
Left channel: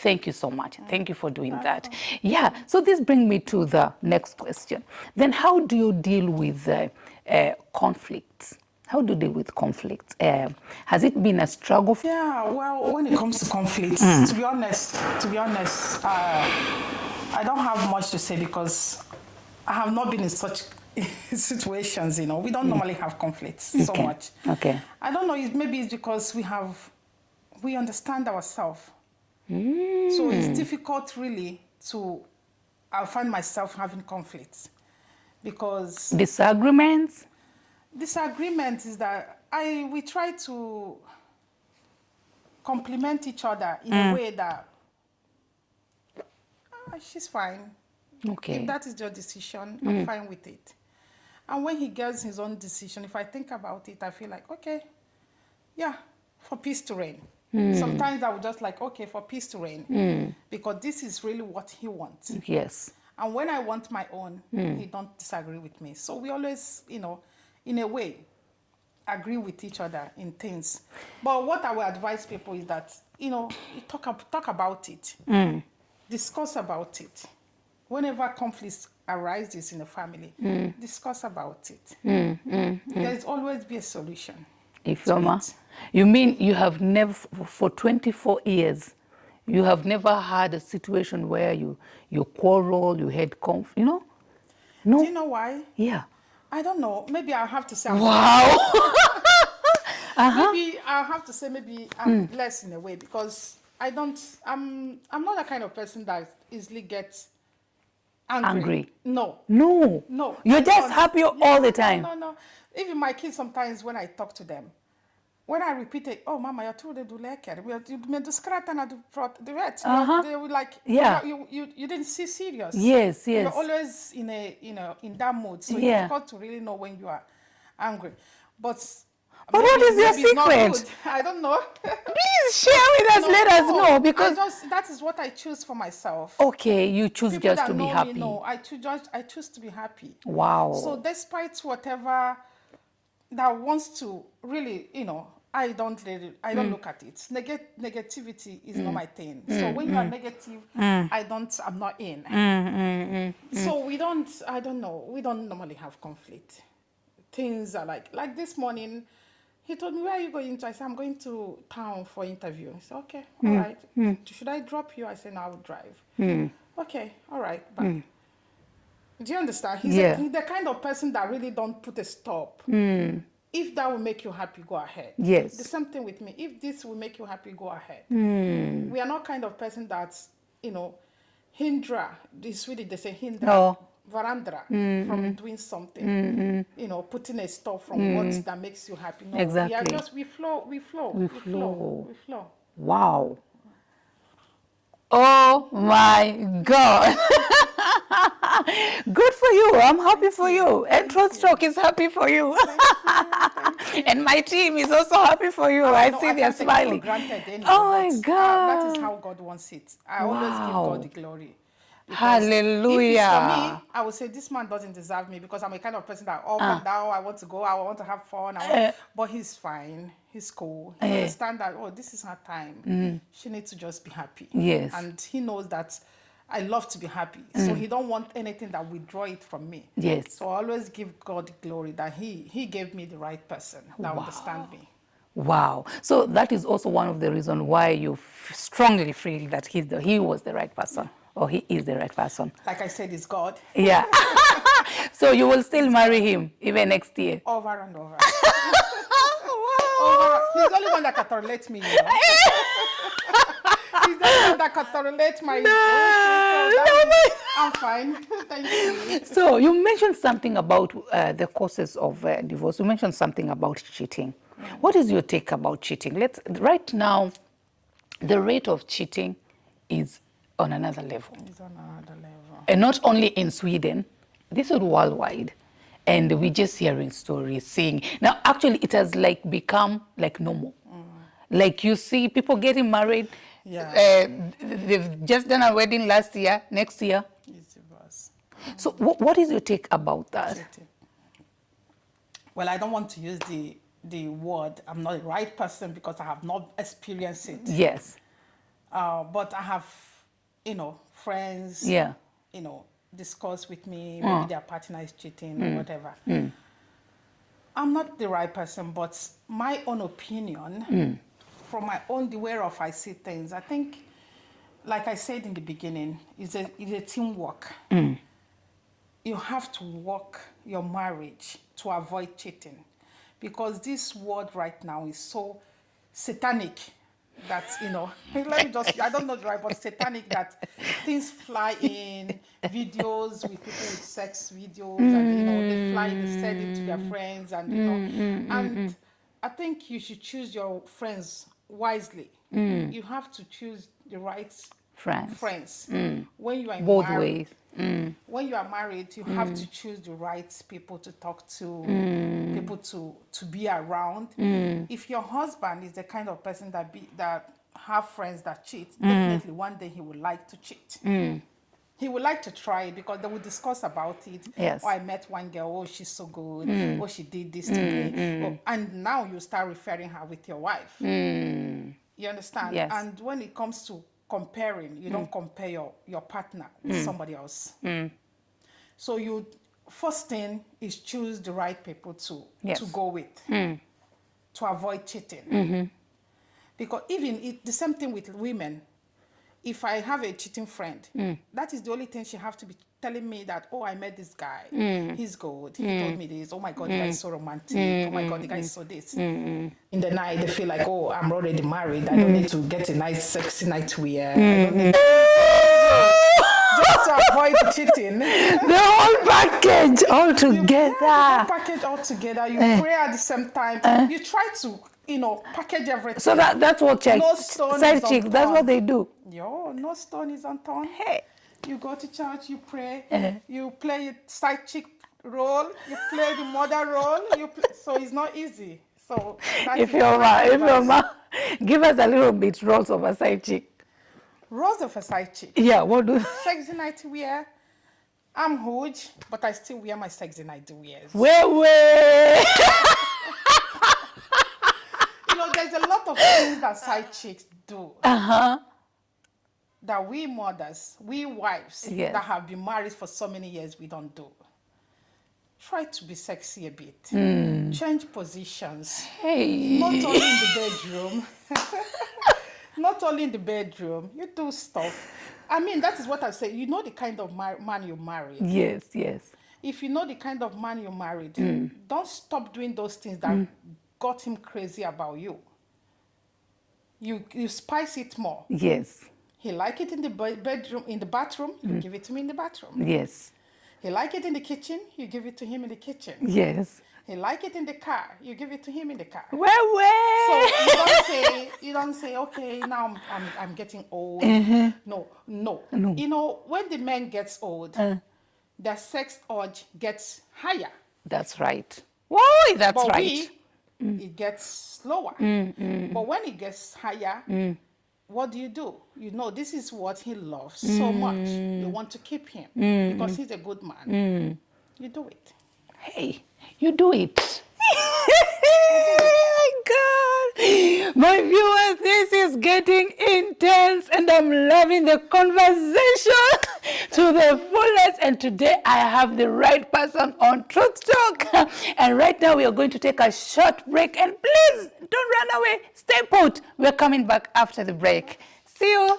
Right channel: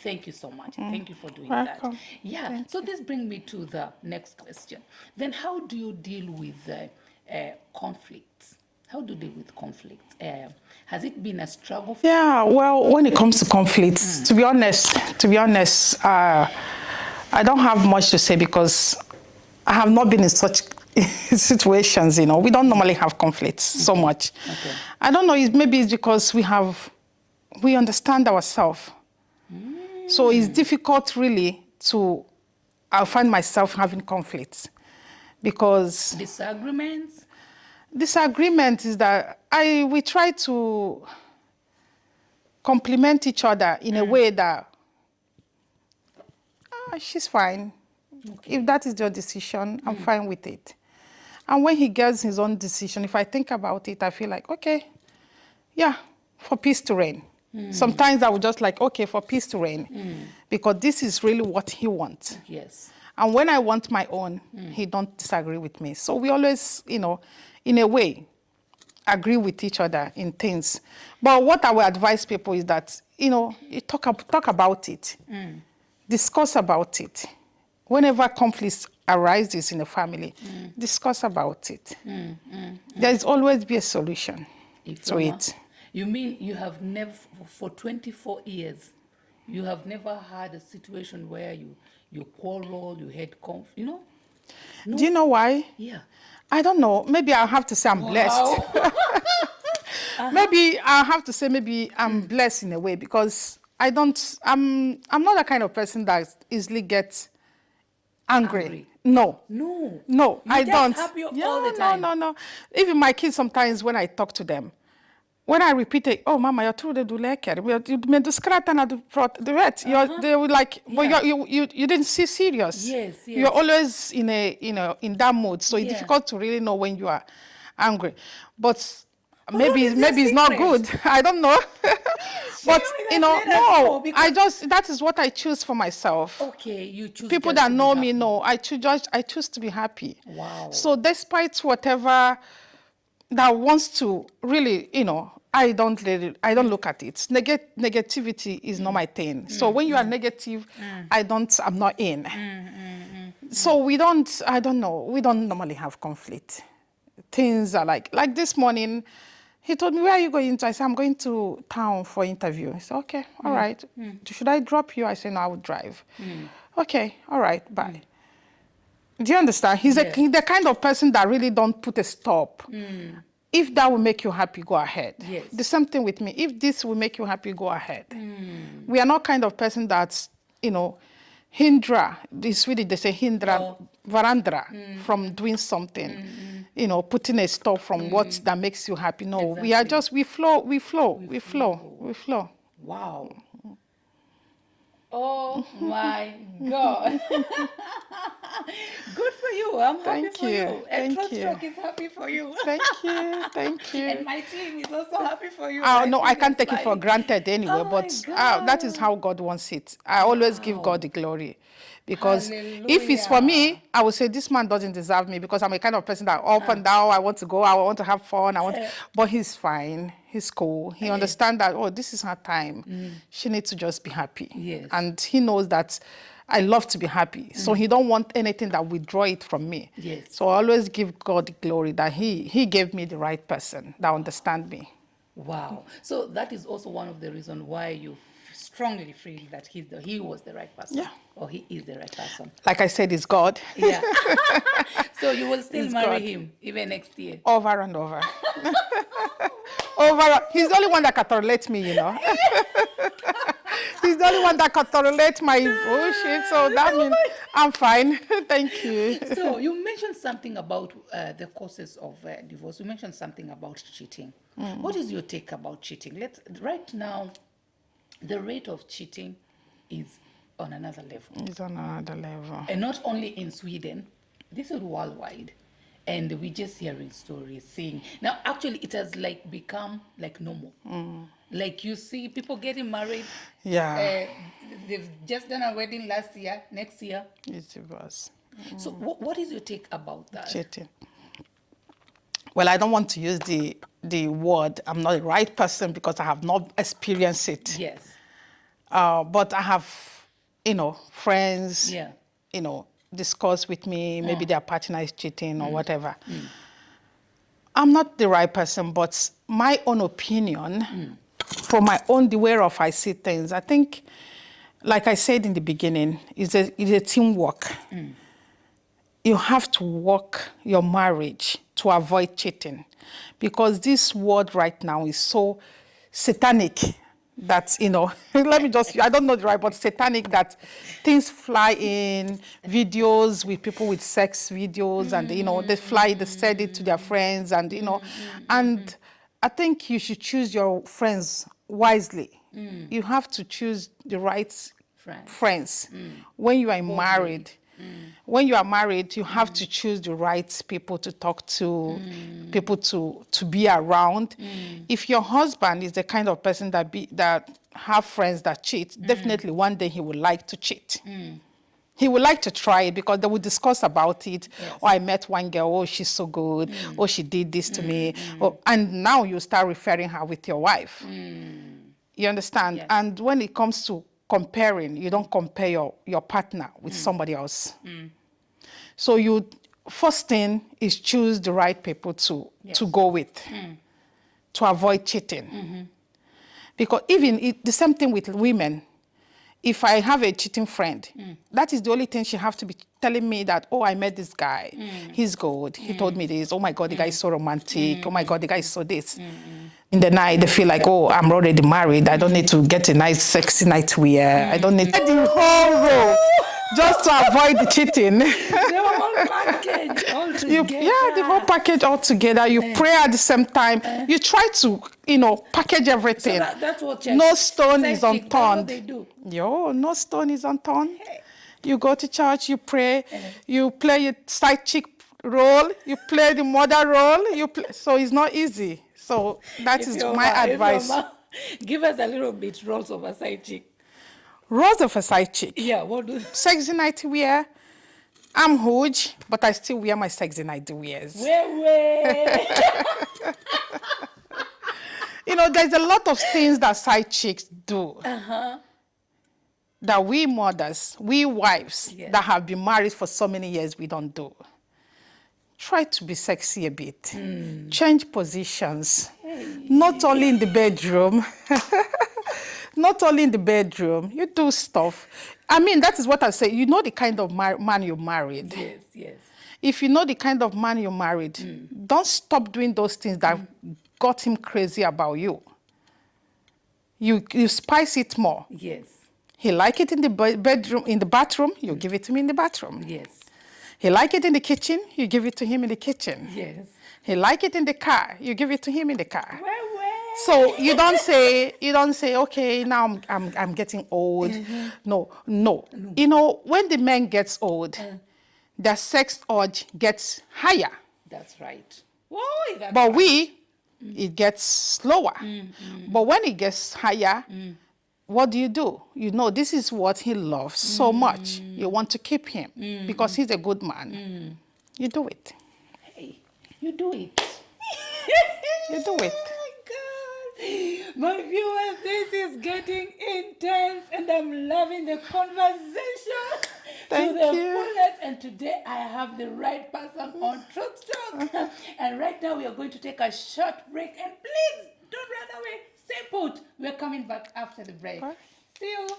Thank you so much. Thank you for doing that. Yeah, so this brings me to the next question. Then how do you deal with conflicts? How do you deal with conflicts? Has it been a struggle? Yeah, well, when it comes to conflicts, to be honest, I don't have much to say because I have not been in such situations, you know. We don't normally have conflicts so much. Okay. I don't know, maybe it's because we understand ourselves. So it's difficult really I find myself having conflicts because... Disagreements? Disagreement is that we try to complement each other in a way that she's fine. Okay. If that is your decision, I'm fine with it. And when he gets his own decision, if I think about it, I feel like, okay, yeah, for peace to reign. Sometimes I would just like, okay, for peace to reign, because this is really what he wants. Yes. And when I want my own, he don't disagree with me. So we always, you know, in a way, agree with each other in things. But what I would advise people is that, you know, you talk about it. Discuss about it. Whenever conflicts arises in a family, discuss about it. There is always be a solution to it. You mean you have never, for 24 years, you have never had a situation where you quarrel, you had conflict, you know? No. Do you know why? Yeah. I don't know. Maybe I'll have to say I'm blessed. Maybe I'll have to say maybe I'm blessed in a way because I'm not the kind of person that easily gets angry. No. No. No, You're I just don't. happy all the time. No. Even my kids sometimes when I talk to them, when I repeat it, oh, mama, you're true, do like it. You made the scratch and the red. They were like, well, you didn't see serious. Yes. You're always in that mood. So it's difficult to really know when you are angry. But maybe it's not good. I don't know. Please share with us. Let us know. Because that is what I choose for myself. Okay, you choose People just that to know be happy. me know I choose to be happy. Wow. So despite whatever that wants to really, you know, I don't look at it. Negativity is not my thing. So when you are negative, I'm not in. So we don't normally have conflict. Things are like this morning, he told me, where are you going to? I said, I'm going to town for interview. He said, okay, all right. Should I drop you? I said, no, I would drive. Okay, all right, bye. Do you understand? He's the kind of person that really don't put a stop. If that will make you happy, go ahead. Yes. The same thing with me. If this will make you happy, go ahead. We are not kind of person that's, you know, hindra. In Swedish, they say hindra, varandra from doing something. You know, putting a stop from what that makes you happy. No, exactly. we are just, we flow. Wow. Oh my God. Good for you. I'm happy for you. And Truthtalk is happy for you. Thank you. And my team is also happy for you. I know I can't take it for granted anyway, but that is how God wants it. I always give God the glory. Because if it's for me, I would say this man doesn't deserve me because I'm a kind of person that up and down, I want to go, I want to have fun, but he's fine, he's cool. He understands that, oh, this is her time. She needs to just be happy. Yes. And he knows that I love to be happy. So he don't want anything that withdraw it from me. Yes. So I always give God the glory that he gave me the right person that understand me. Wow. So that is also one of the reasons why you strongly feel that he was the right person. Yeah. Or he is the right person. Like I said, it's God. Yeah. So you will still marry him even next year? Over and over. Over. He's the only one that can tolerate me, you know. He's the only one that can tolerate my bullshit. So that means I'm fine. Thank you. So you mentioned something about the causes of divorce. You mentioned something about cheating. What is your take about cheating? Right now, the rate of cheating is on another level. It's on another level. And not only in Sweden, this is worldwide. And we're just hearing stories, seeing. Now, actually, it has like become like normal. Like you see people getting married. Yeah. They've just done a wedding last year, next year. It's divorce. So what is your take about that? Cheating. Well, I don't want to use the word, I'm not the right person because I have not experienced it. Yes. But I have, friends, Yeah. discuss with me, maybe their partner is cheating or whatever. I'm not the right person, but my own opinion, for my own, the way of I see things, I think, like I said in the beginning, it's a teamwork. You have to work your marriage to avoid cheating, because this world right now is so satanic that, let me just, I don't know the right, but satanic that things fly in, videos with people with sex videos, and, they fly, they send it to their friends, and, and I think you should choose your friends wisely. You have to choose the right friends. When you are married. When you are married, you have to choose the right people to talk to, people to be around. If your husband is the kind of person that have friends that cheat, definitely one day he would like to cheat. He would like to try it because they would discuss about it. Yes. Oh, I met one girl, oh, she's so good. Oh, she did this to me. Oh, and now you start referring her with your wife. You understand? Yes. And when it comes to comparing, you don't compare your partner with somebody else. So first thing is choose the right people to go with, to avoid cheating. Because even the same thing with women. If I have a cheating friend, that is the only thing she has to be telling me that, oh, I met this guy. He's good. He told me this. Oh, my God, the guy is so romantic. Oh, my God, the guy is so this. In the night, they feel like, oh, I'm already married. I don't need to get a nice, sexy nightwear. I don't need the whole row just to avoid the cheating. The whole package all together. The whole package all together. You pray at the same time. You try to, package everything. So that's what no stone is unturned. That's what they do. No stone is unturned. Hey. You go to church, you pray, you play your side chick role, you play the mother role, so it's not easy. So that is my advice. Give us a little bit roles of a side chick. Roles of a side chick? Yeah, what do? Sexy nightwear. I'm huge, but I still wear my sexy nightwears. Way. There's a lot of things that side chicks do. That we mothers, we wives that have been married for so many years, we don't do. Try to be sexy a bit. Change positions. Hey. Not only in the bedroom. Not only in the bedroom. You do stuff. I mean, that is what I say. You know the kind of man you married. Yes, yes. If you know the kind of man you married, don't stop doing those things that got him crazy about you. You spice it more. Yes. He like it in the bedroom, in the bathroom, you give it to me in the bathroom. Yes. He like it in the kitchen, you give it to him in the kitchen. Yes. He like it in the car, you give it to him in the car. Well. So you don't say, okay, now I'm getting old. No. When the man gets old, their sex urge gets higher. That's right. Whoa, that's but right. It gets slower. But when it gets higher, what do? This is what he loves so much. You want to keep him because he's a good man. You do it. Hey, you do it. You do it. Oh my God. My viewers, this is getting intense and I'm loving the conversation to the fullest. And today I have the right person on Truth Talk. And right now we are going to take a short break. And please don't run away. Stay put. We're coming back after the break. See you.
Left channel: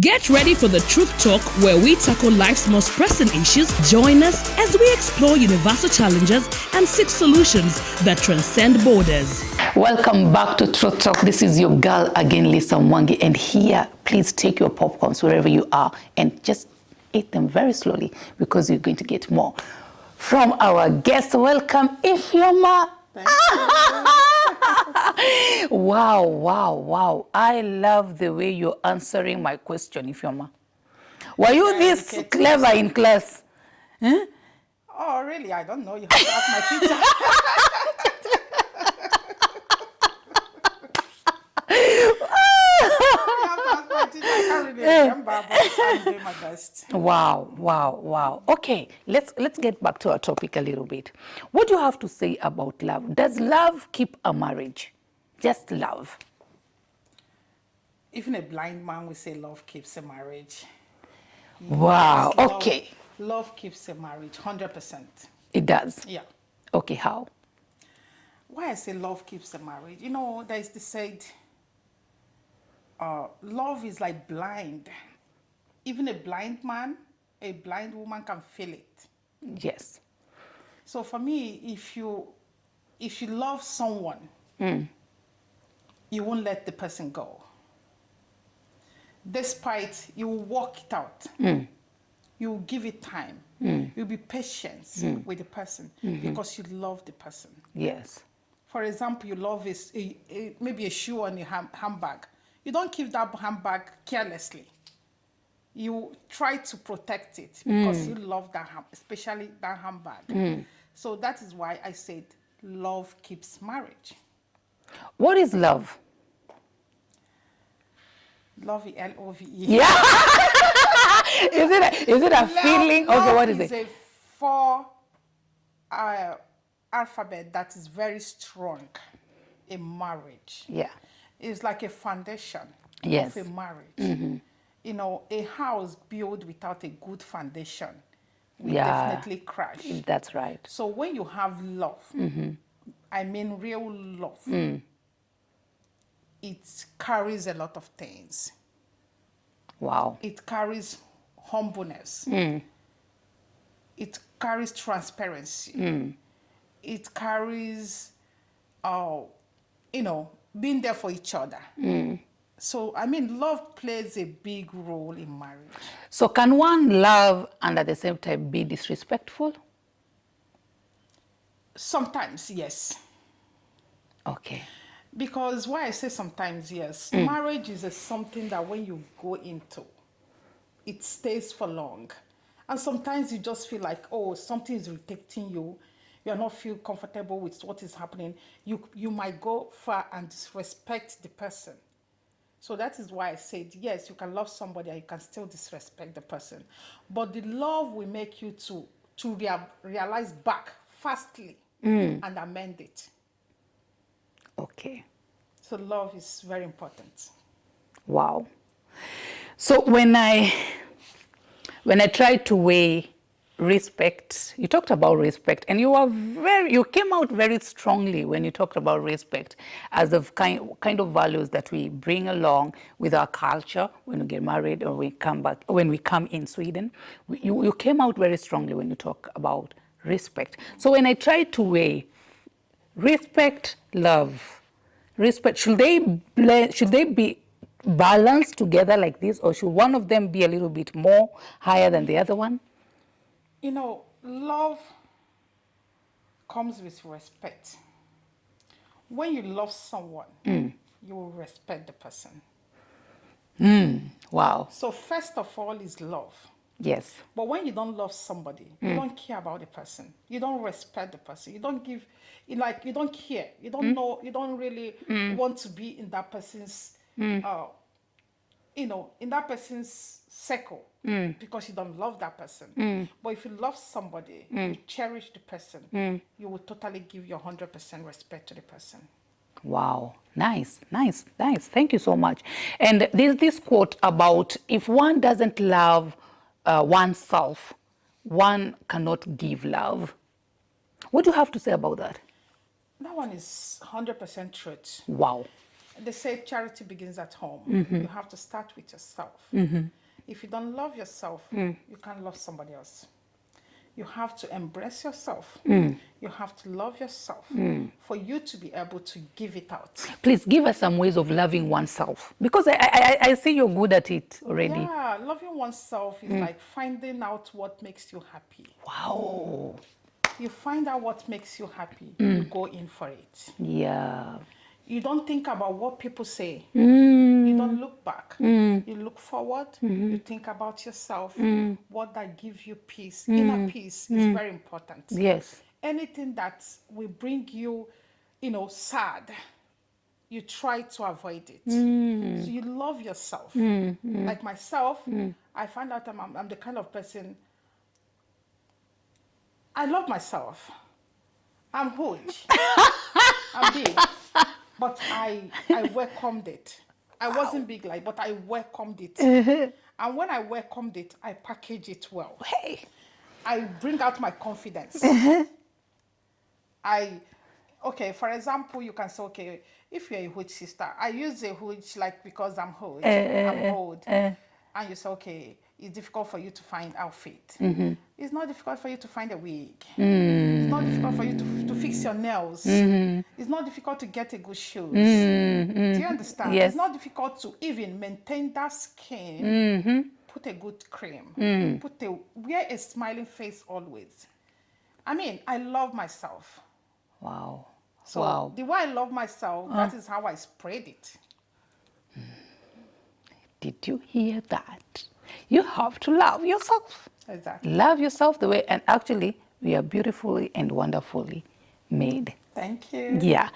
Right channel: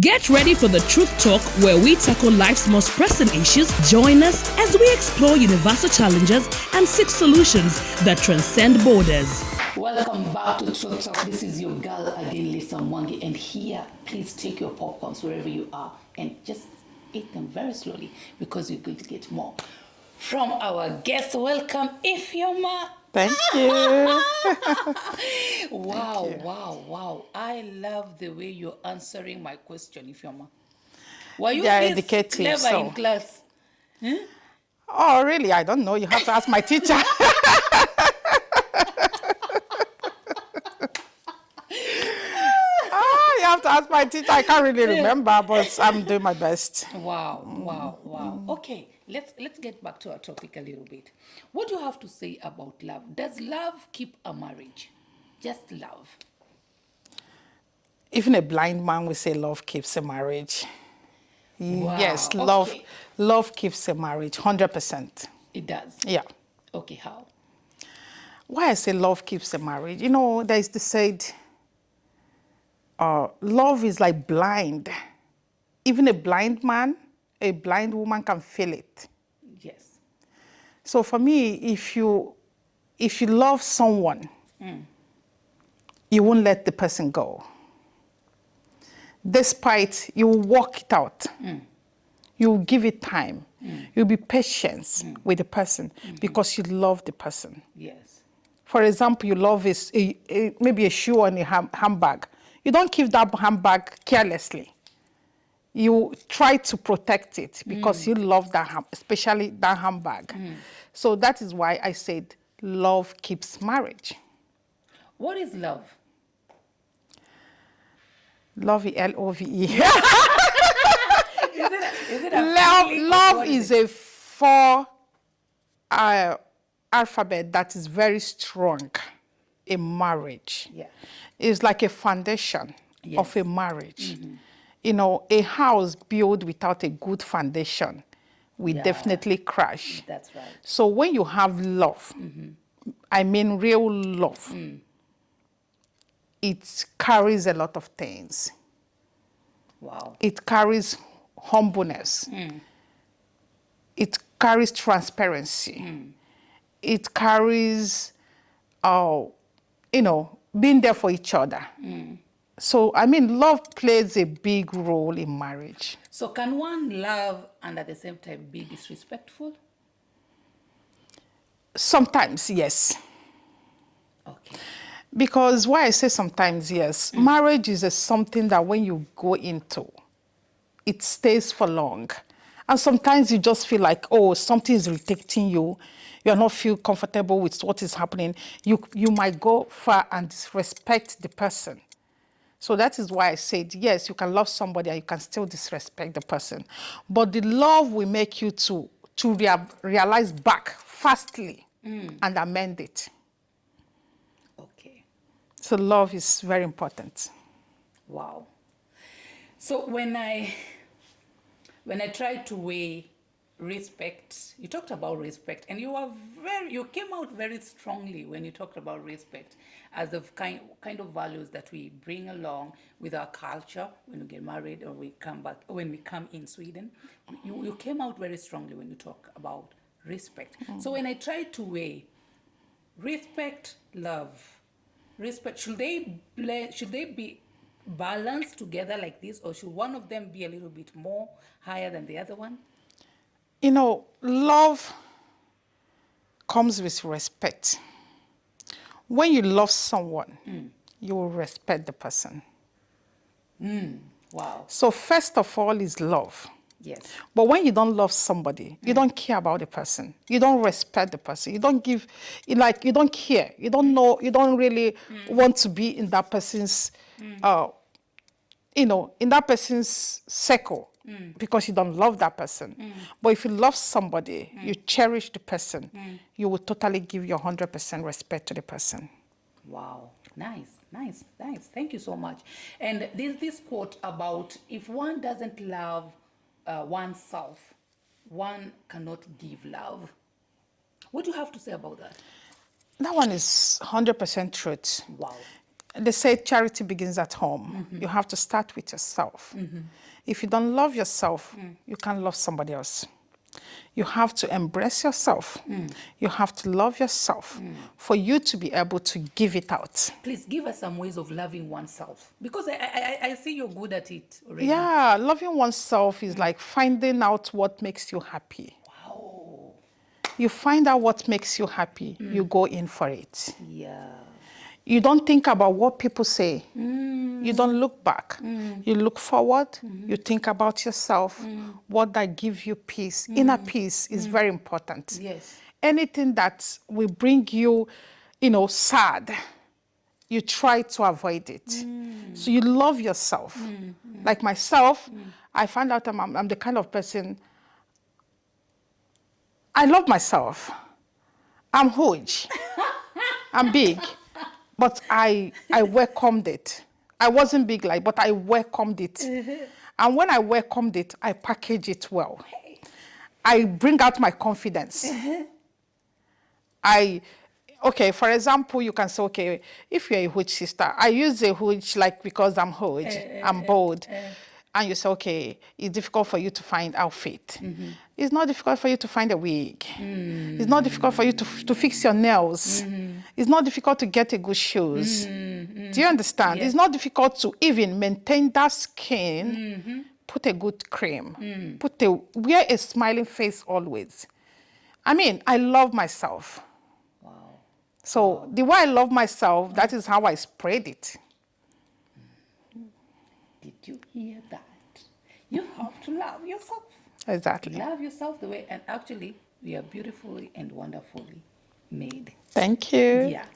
Get ready for the Truth Talk, where we tackle life's most pressing issues. Join us as we explore universal challenges and seek solutions that transcend borders. Welcome back to Truth Talk. This is your girl again, Lisa Mwangi. And here, please take your popcorns wherever you are and just eat them very slowly because you're going to get more from our guest. Welcome, Ifeoma. Thank you. Wow, wow, wow. I love the way you're answering my question, Ifeoma. Were you They're this educated, clever so. in class? Oh, really? I don't know. You have to ask my teacher. You have to ask my teacher. I can't really remember, but I'm doing my best. Wow, wow, wow. Okay, let's get back to our topic a little bit. What do you have to say about love? Does love keep a marriage? Just love. Even a blind man will say love keeps a marriage. Wow, Yes, okay. love keeps a marriage, 100%. It does. Yeah. Okay, how? Why I say love keeps a marriage? You know, there's the said, love is like blind. Even a blind man, a blind woman can feel it. Yes. So for me, if you love someone, you won't let the person go. Despite, you will work it out. You will give it time. You'll be patient with the person because you love the person. Yes. For example, you love maybe a shoe or a handbag. You don't keep that handbag carelessly. You try to protect it because you love that, especially that handbag. So that is why I said love keeps marriage. What is love? Love, L-O-V-E. Is it a feeling? Love What is it? a four alphabet that is very strong in marriage. Yeah. It's like a foundation Yes. of a marriage. You know, a house built without a good foundation will Yeah. definitely crash. That's right. So when you have love, I mean real love, it carries a lot of things. Wow. It carries humbleness. It carries transparency. It carries, you know, being there for each other. So, I mean, love plays a big role in marriage. So can one love and at the same time be disrespectful? Sometimes, yes. Okay. Because why I say sometimes, yes, marriage is something that when you go into, it stays for long. And sometimes you just feel like, oh, something is irritating you. You're not feel comfortable with what is happening. You might go far and disrespect the person. So that is why I said, yes, you can love somebody and you can still disrespect the person. But the love will make you to realize back fastly and amend it. Okay. So love is very important. Wow. So when I try to weigh respect, you talked about respect, and you came out very strongly when you talked about respect as the kind of values that we bring along with our culture when we get married or when we come in Sweden. You came out very strongly when you talk about respect. So when I try to weigh respect, love, respect, should they be balanced together like this, or should one of them be a little bit more higher than the other one? You know, love comes with respect. When you love someone, you will respect the person. Wow. So first of all is love. Yes. But when you don't love somebody, you don't care about the person. You don't respect the person. You don't give, you don't care. You don't know, you don't really want to be in that person's, you know, in that person's circle because you don't love that person. But if you love somebody, you cherish the person, you will totally give your 100% respect to the person. Wow. Nice, nice, nice. Thank you so much. And there's this quote about if one doesn't love oneself, one cannot give love. What do you have to say about that? That one is 100% truth. Wow. They say charity begins at home. You have to start with yourself. If you don't love yourself, you can't love somebody else. You have to embrace yourself. You have to love yourself for you to be able to give it out. Please give us some ways of loving oneself, because I see you're good at it already. Yeah, loving oneself is like finding out what makes you happy. Wow. You find out what makes you happy. You go in for it. Yeah. You don't think about what people say. You don't look back. You look forward. You think about yourself. What that gives you peace. Inner peace is very important. Yes. Anything that will bring you, sad, you try to avoid it. So you love yourself. Like myself, I found out I'm the kind of person, I love myself. I'm huge. I'm big. But I welcomed it. I wasn't big but I welcomed it. And when I welcomed it, I package it well. Hey, I bring out my confidence. Okay, for example, you can say, okay, if you're a huge sister, I use a huge because I'm huge, I'm bold. And you say, okay, it's difficult for you to find outfit. It's not difficult for you to find a wig. It's not difficult for you to fix your nails. It's not difficult to get a good shoes. Do you understand? Yes. It's not difficult to even maintain that skin, put a good cream, wear a smiling face always. I mean, I love myself. Wow. So the way I love myself, that is how I spread it. Did you hear that? You have to love yourself. Exactly. Love yourself the way, and actually, we are beautifully and wonderfully made. Thank you. Yeah.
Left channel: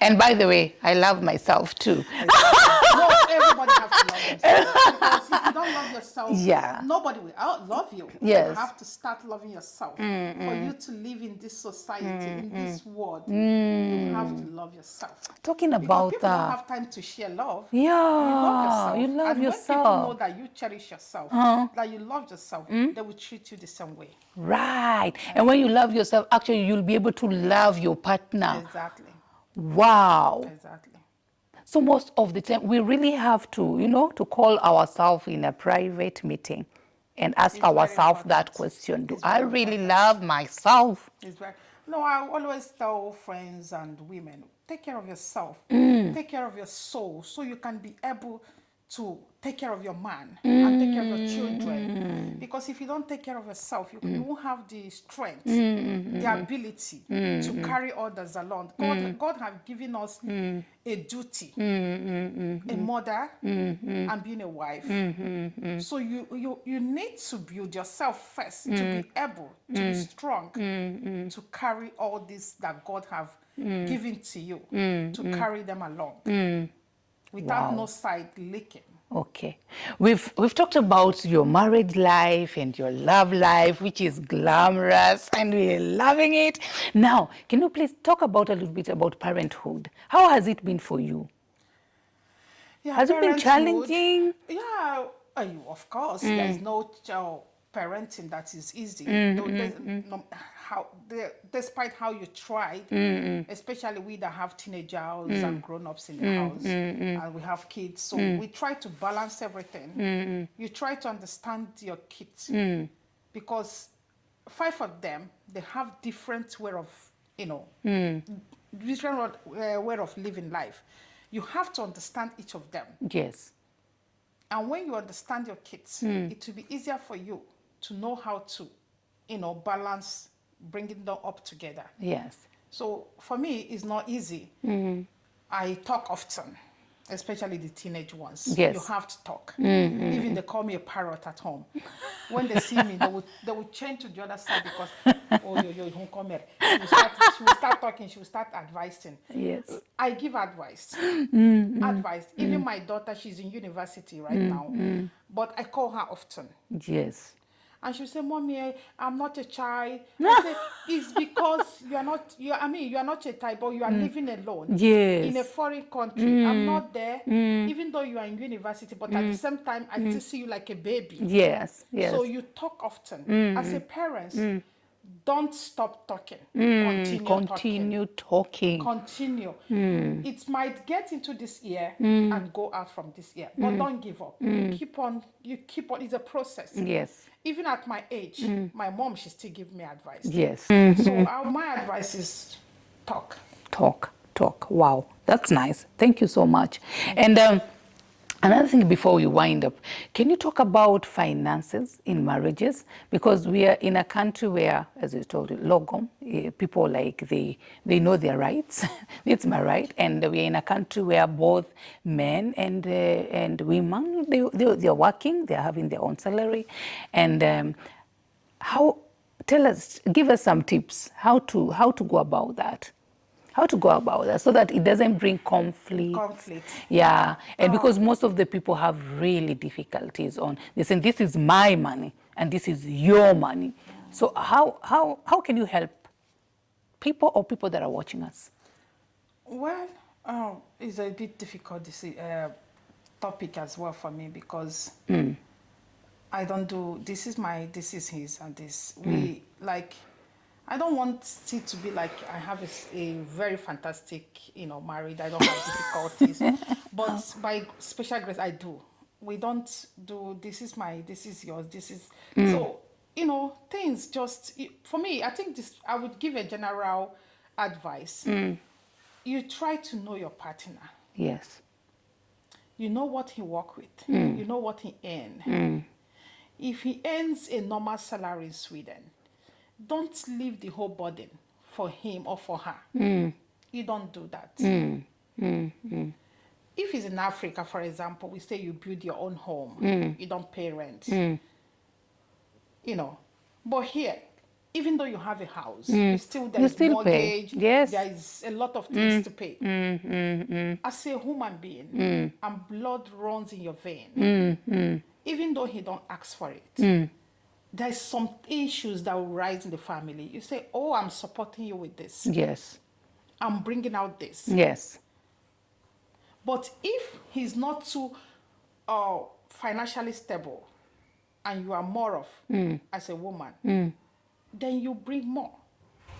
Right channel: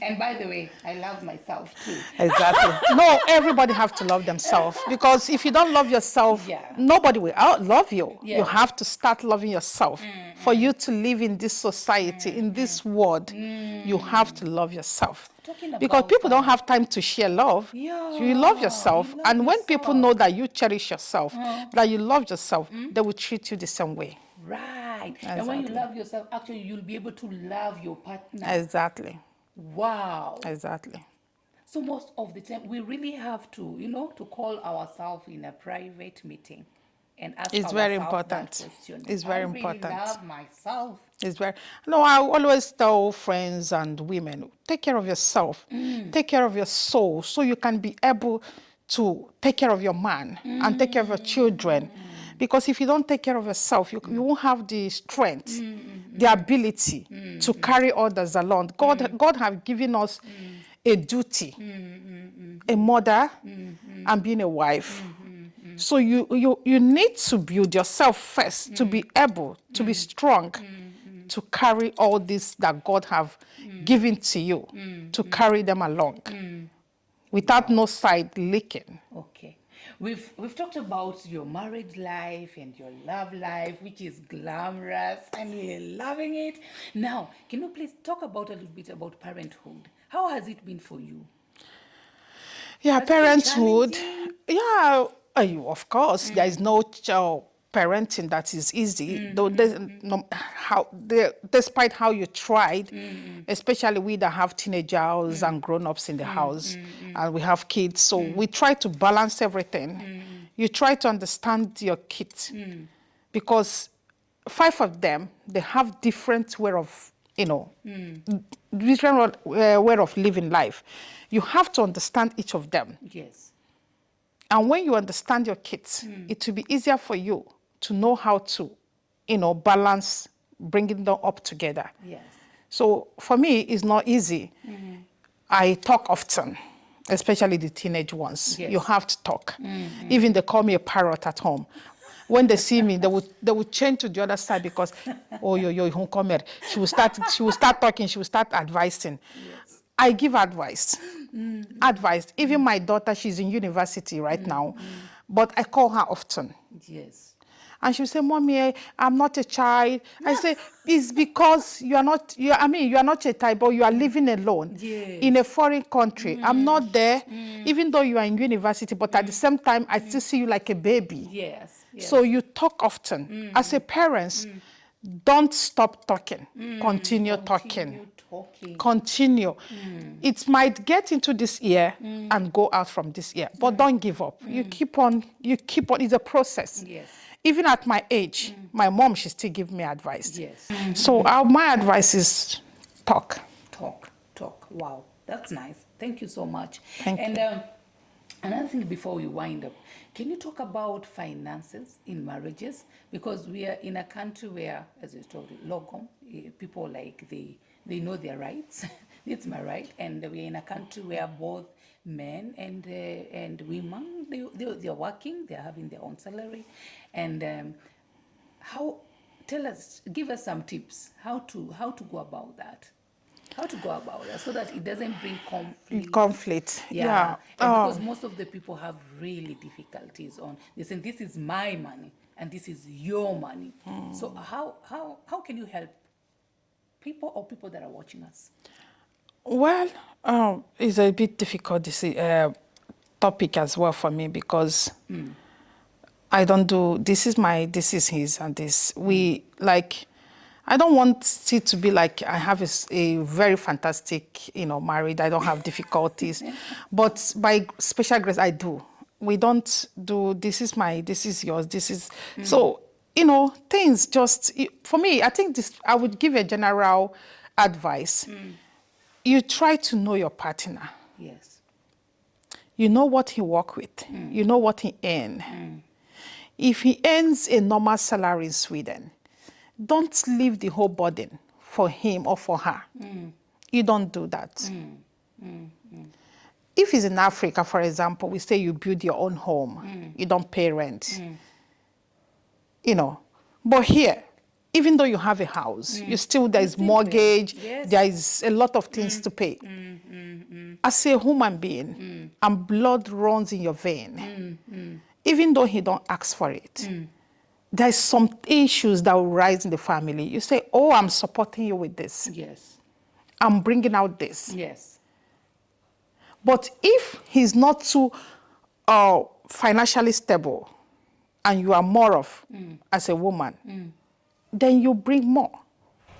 And by the way, I love myself too. Exactly. No, everybody have to love themselves, because if you don't love yourself, nobody will love you. Yes. You have to start loving yourself. For you to live in this society, in this world, you have to love yourself. Talking about because people don't that. have time to share love. Yeah, You love yourself. you love And when people yourself. know that you cherish yourself, that you love yourself, they will treat you the same way. Right. And when you love yourself, actually, you'll be able to love your partner. Exactly. Wow. Exactly. So most of the time, we really have to, to call ourselves in a private meeting and ask It's very ourselves that important. question. It's I very really important. love myself? No, I always tell friends and women, take care of yourself, take care of your soul, so you can be able to take care of your man and take care of your children. Because if you don't take care of yourself, you won't have the strength, the ability to carry others along. God have given us a duty, a mother, and being a wife. So you need to build yourself first to be able to be strong, to carry all this that God have given to you, to carry them along. Without no side leaking. Okay. We've talked about your marriage life and your love life, which is glamorous, and we're loving it. Now, can you please talk about a little bit about parenthood? How has it been for you? Yeah, Has it been parenthood. challenging? Yeah, of course. There is no parenting that is easy. Despite how you tried, especially we that have teenagers and grown-ups in the house, and we have kids, so we try to balance everything. You try to understand your kids, because 5 of them, they have different way of, different way of living life. You have to understand each of them. Yes. And when you understand your kids, it will be easier for you to know how to, balance bringing them up together. Yes. So for me, it's not easy. I talk often, especially the teenage ones. Yes. You have to talk. Even they call me a parrot at home. When they see me, they would change to the other side because, oh, she will start talking, she will start advising. Yes. I give advice. Advice. Even my daughter, she's in university right now, but I call her often. Yes. And she will say, Mommy, I'm not a child. I say, it's because you are not a child, but you are living alone. Yes. In a foreign country. I'm not there, even though you are in university, but at the same time, I still see you like a baby. Yes. Yes. So you talk often. As a parent, don't stop talking. Continue talking. Continue. It might get into this ear and go out from this ear, but don't give up. You keep on. It's a process. Yes. Even at my age, my mom, she still give me advice. Yes. So my advice is talk. Talk. Wow. That's nice. Thank you so much. And Another thing before we wind up, can you talk about finances in marriages? Because we are in a country where, as I told you, Logom, people like they know their rights. It's my right. And we are in a country where both men and women, they're working, they're having their own salary. And give us some tips how to go about that. How to go about that so that it doesn't bring conflict. Conflict. Yeah. And because most of the people have really difficulties on, they say, this is my money and this is your money. So how can you help people or people that are watching us? Well, it's a bit difficult topic as well for me because I don't do, this is his, and this. I don't want it to be like I have a very fantastic, marriage. I don't have difficulties. But by special grace, I do. We don't do, this is yours, this is. So, things just, for me, I think I would give a general advice. You try to know your partner. Yes. You know what he work with. You know what he earn. If he earns a normal salary in Sweden, don't leave the whole burden for him or for her. You don't do that. If he's in Africa, for example, we say you build your own home. You don't pay rent. But here, even though you have a house, there's mortgage, yes. there is a lot of things to pay. As a human being, and blood runs in your vein, even though he don't ask for it, there's some issues that will rise in the family. You say, oh, I'm supporting you with this. Yes. I'm bringing out this. Yes. But if he's not too financially stable and you are more of, as a woman, then you bring more.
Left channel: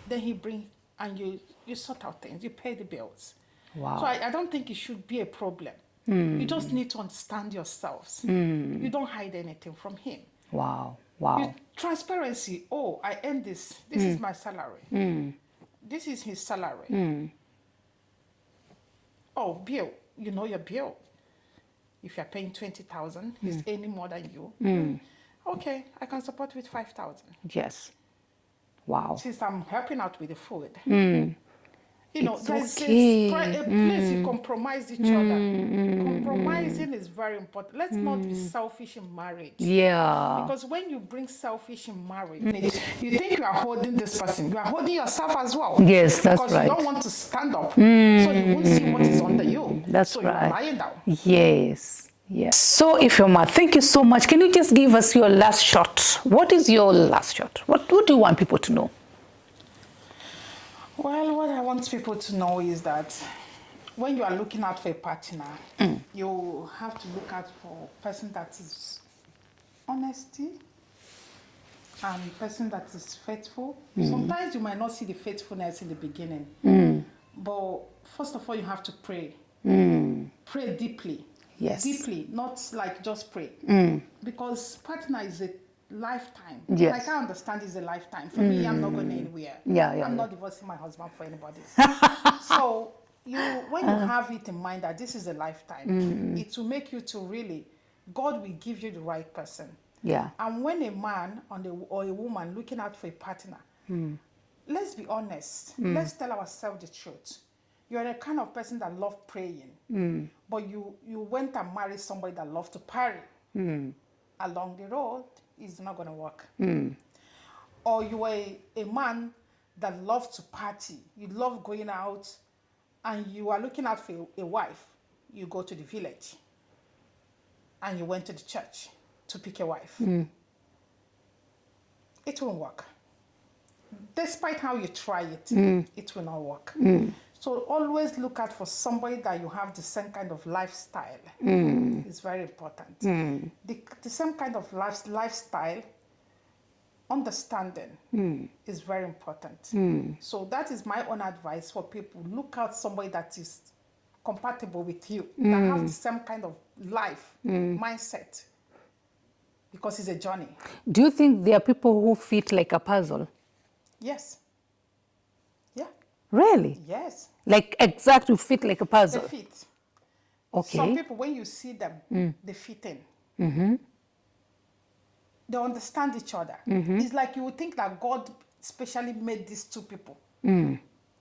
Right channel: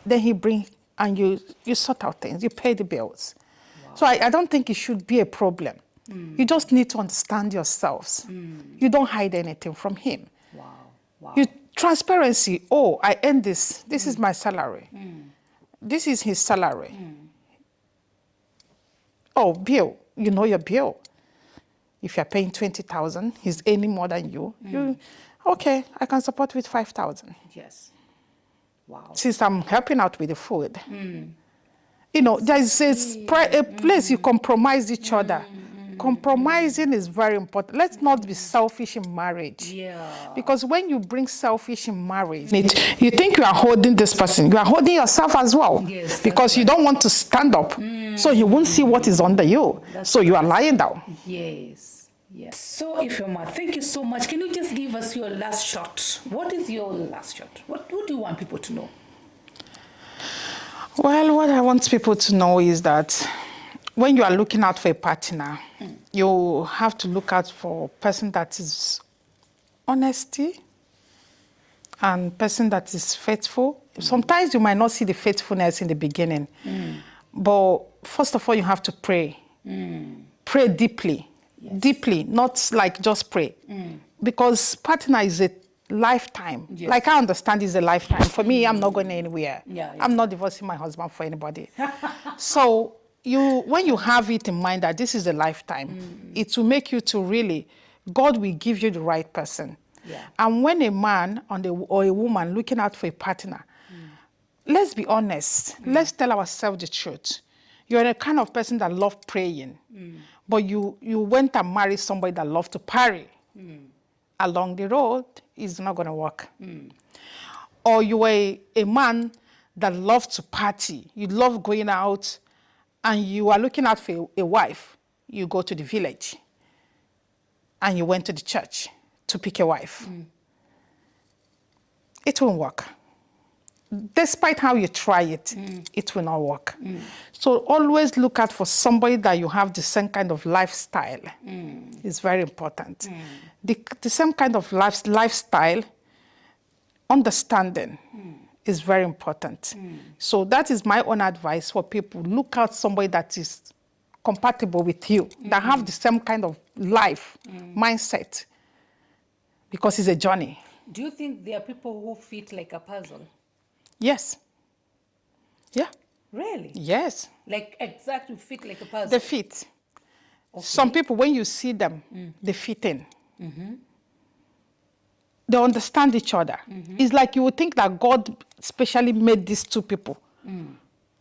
Then he brings, and you sort out things. You pay the bills. Wow. So I don't think it should be a problem. You just need to understand yourselves. You don't hide anything from him. Wow. Wow. Transparency, oh, I earn this. This is my salary. This is his salary. Oh, bill, you know your bill. If you're paying 20,000, he's earning more than you. Okay, I can support with 5,000. Yes. Wow. Since I'm helping out with the food. There's a place you compromise each other. Compromising is very important. Let's not be selfish in marriage. Yeah. Because when you bring selfish in marriage, you think you are holding this person. You are holding yourself as well. Yes, that's because right. you don't want to stand up. So he won't see what is under you. You are lying down. Yes. Yes. So, Ifeoma, thank you so much. Can you just give us your last shot? What is your last shot? What do you want people to know? Well, what I want people to know is that when you are looking out for a partner, you have to look out for a person that is honesty and person that is faithful. Sometimes you might not see the faithfulness in the beginning, but first of all, you have to pray. Pray deeply. Yes. Deeply, not like just pray. Because partner is a lifetime. Yes. Like I understand it's a lifetime. For me, I'm not going anywhere. I'm not divorcing my husband for anybody. So when you have it in mind that this is a lifetime, it will make you to really, God will give you the right person. Yeah. And when a man or a woman looking out for a partner, let's be honest. Let's tell ourselves the truth. You're the kind of person that loves praying, but you went and married somebody that loves to party. Along the road, it's not going to work. Or you were a man that loves to party. You love going out, and you are looking out for a wife. You go to the village, and you went to the church to pick a wife. It won't work. Despite how you try it, it will not work. So always look out for somebody that you have the same kind of lifestyle. It's very important. The same kind of lifestyle, understanding is very important. So that is my own advice for people. Look out somebody that is compatible with you, that have the same kind of life, mindset, because it's a journey. Do you think there are people who fit like a puzzle? Yes. Yeah. Really? Yes. Like exactly fit like a puzzle? They fit. Okay. Some people, when you see them, they fit in. They understand each other. It's like you would think that God specially made these two people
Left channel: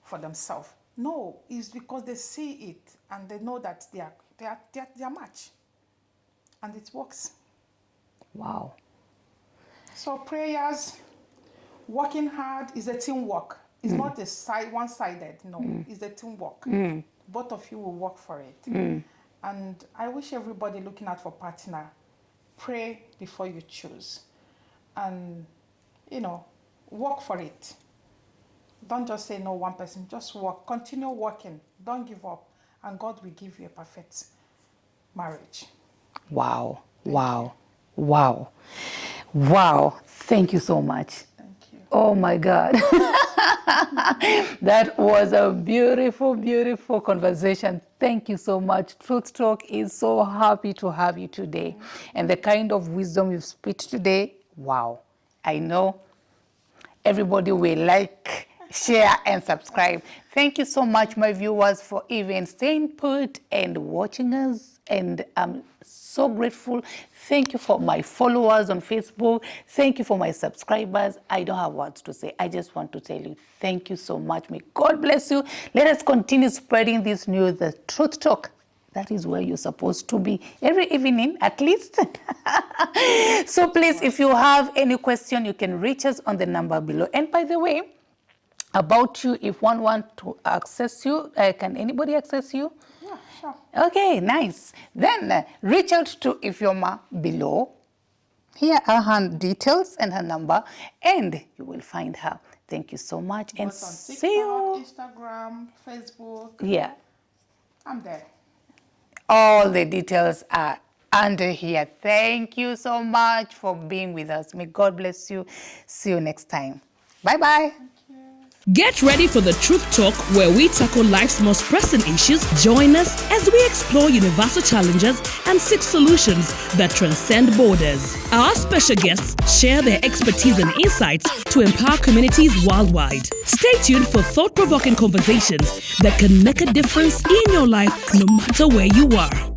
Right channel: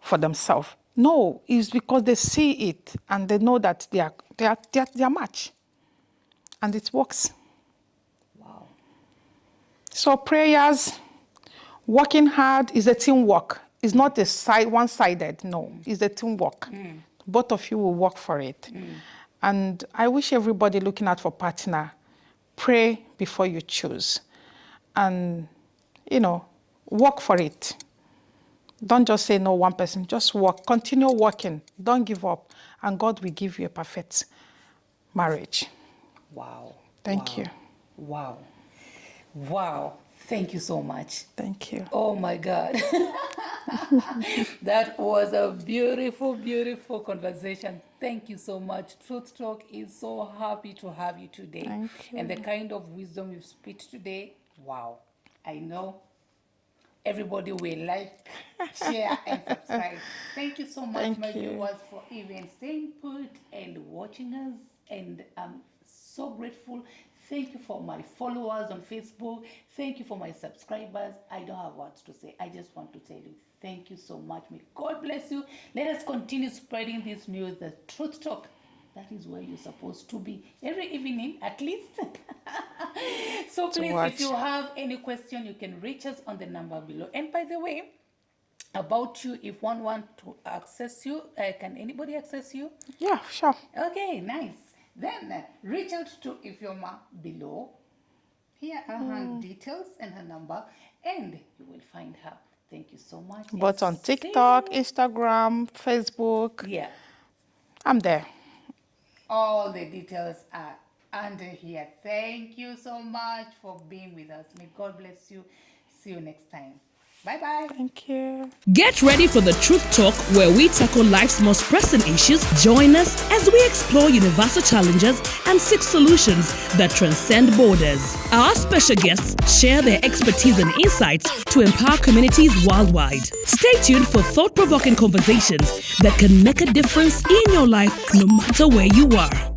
for themselves. No, it's because they see it and they know that they are match. And it works. Wow. So prayers, working hard is a teamwork. It's not a one-sided, no. It's a teamwork. Both of you will work for it. And I wish everybody looking out for partner, pray before you choose. And, work for it. Don't just say no one person, just work. Continue working. Don't give up. And God will give you a perfect marriage. Wow. Thank wow. you. Wow. Wow. Thank you so much. Thank you. Oh my God. That was a beautiful, beautiful conversation. Thank you so much. Truth Talk is so happy to have you today. And the kind of wisdom you've spit today, wow. I know everybody will like, share, and subscribe. Thank you so much, my viewers, for even staying put and watching us. And I'm so grateful. Thank you for my followers on Facebook. Thank you for my subscribers. I don't have words to say. I just want to tell you, thank you so much. May God bless you. Let us continue spreading this news, the Truth Talk. That is where you're supposed to be every evening, at least. So please, if you have any question, you can reach us on the number below. And by the way, about you, if one wants to access you, can anybody access you? Yeah, sure. Okay, nice. Then reach out to Ifeoma below. Here are her details and her number, and you will find her. Thank you so much. Both on TikTok, Instagram, Facebook. Yeah. I'm there. All the details are under here. Thank you so much for being with us. May God bless you. See you next time. Bye-bye. Thank you. Get ready for the Truth Talk, where we tackle life's most pressing issues. Join us as we explore universal challenges and seek solutions that transcend borders. Our special guests share their expertise and insights to empower communities worldwide. Stay tuned for thought-provoking conversations that can make a difference in your life, no matter where you are.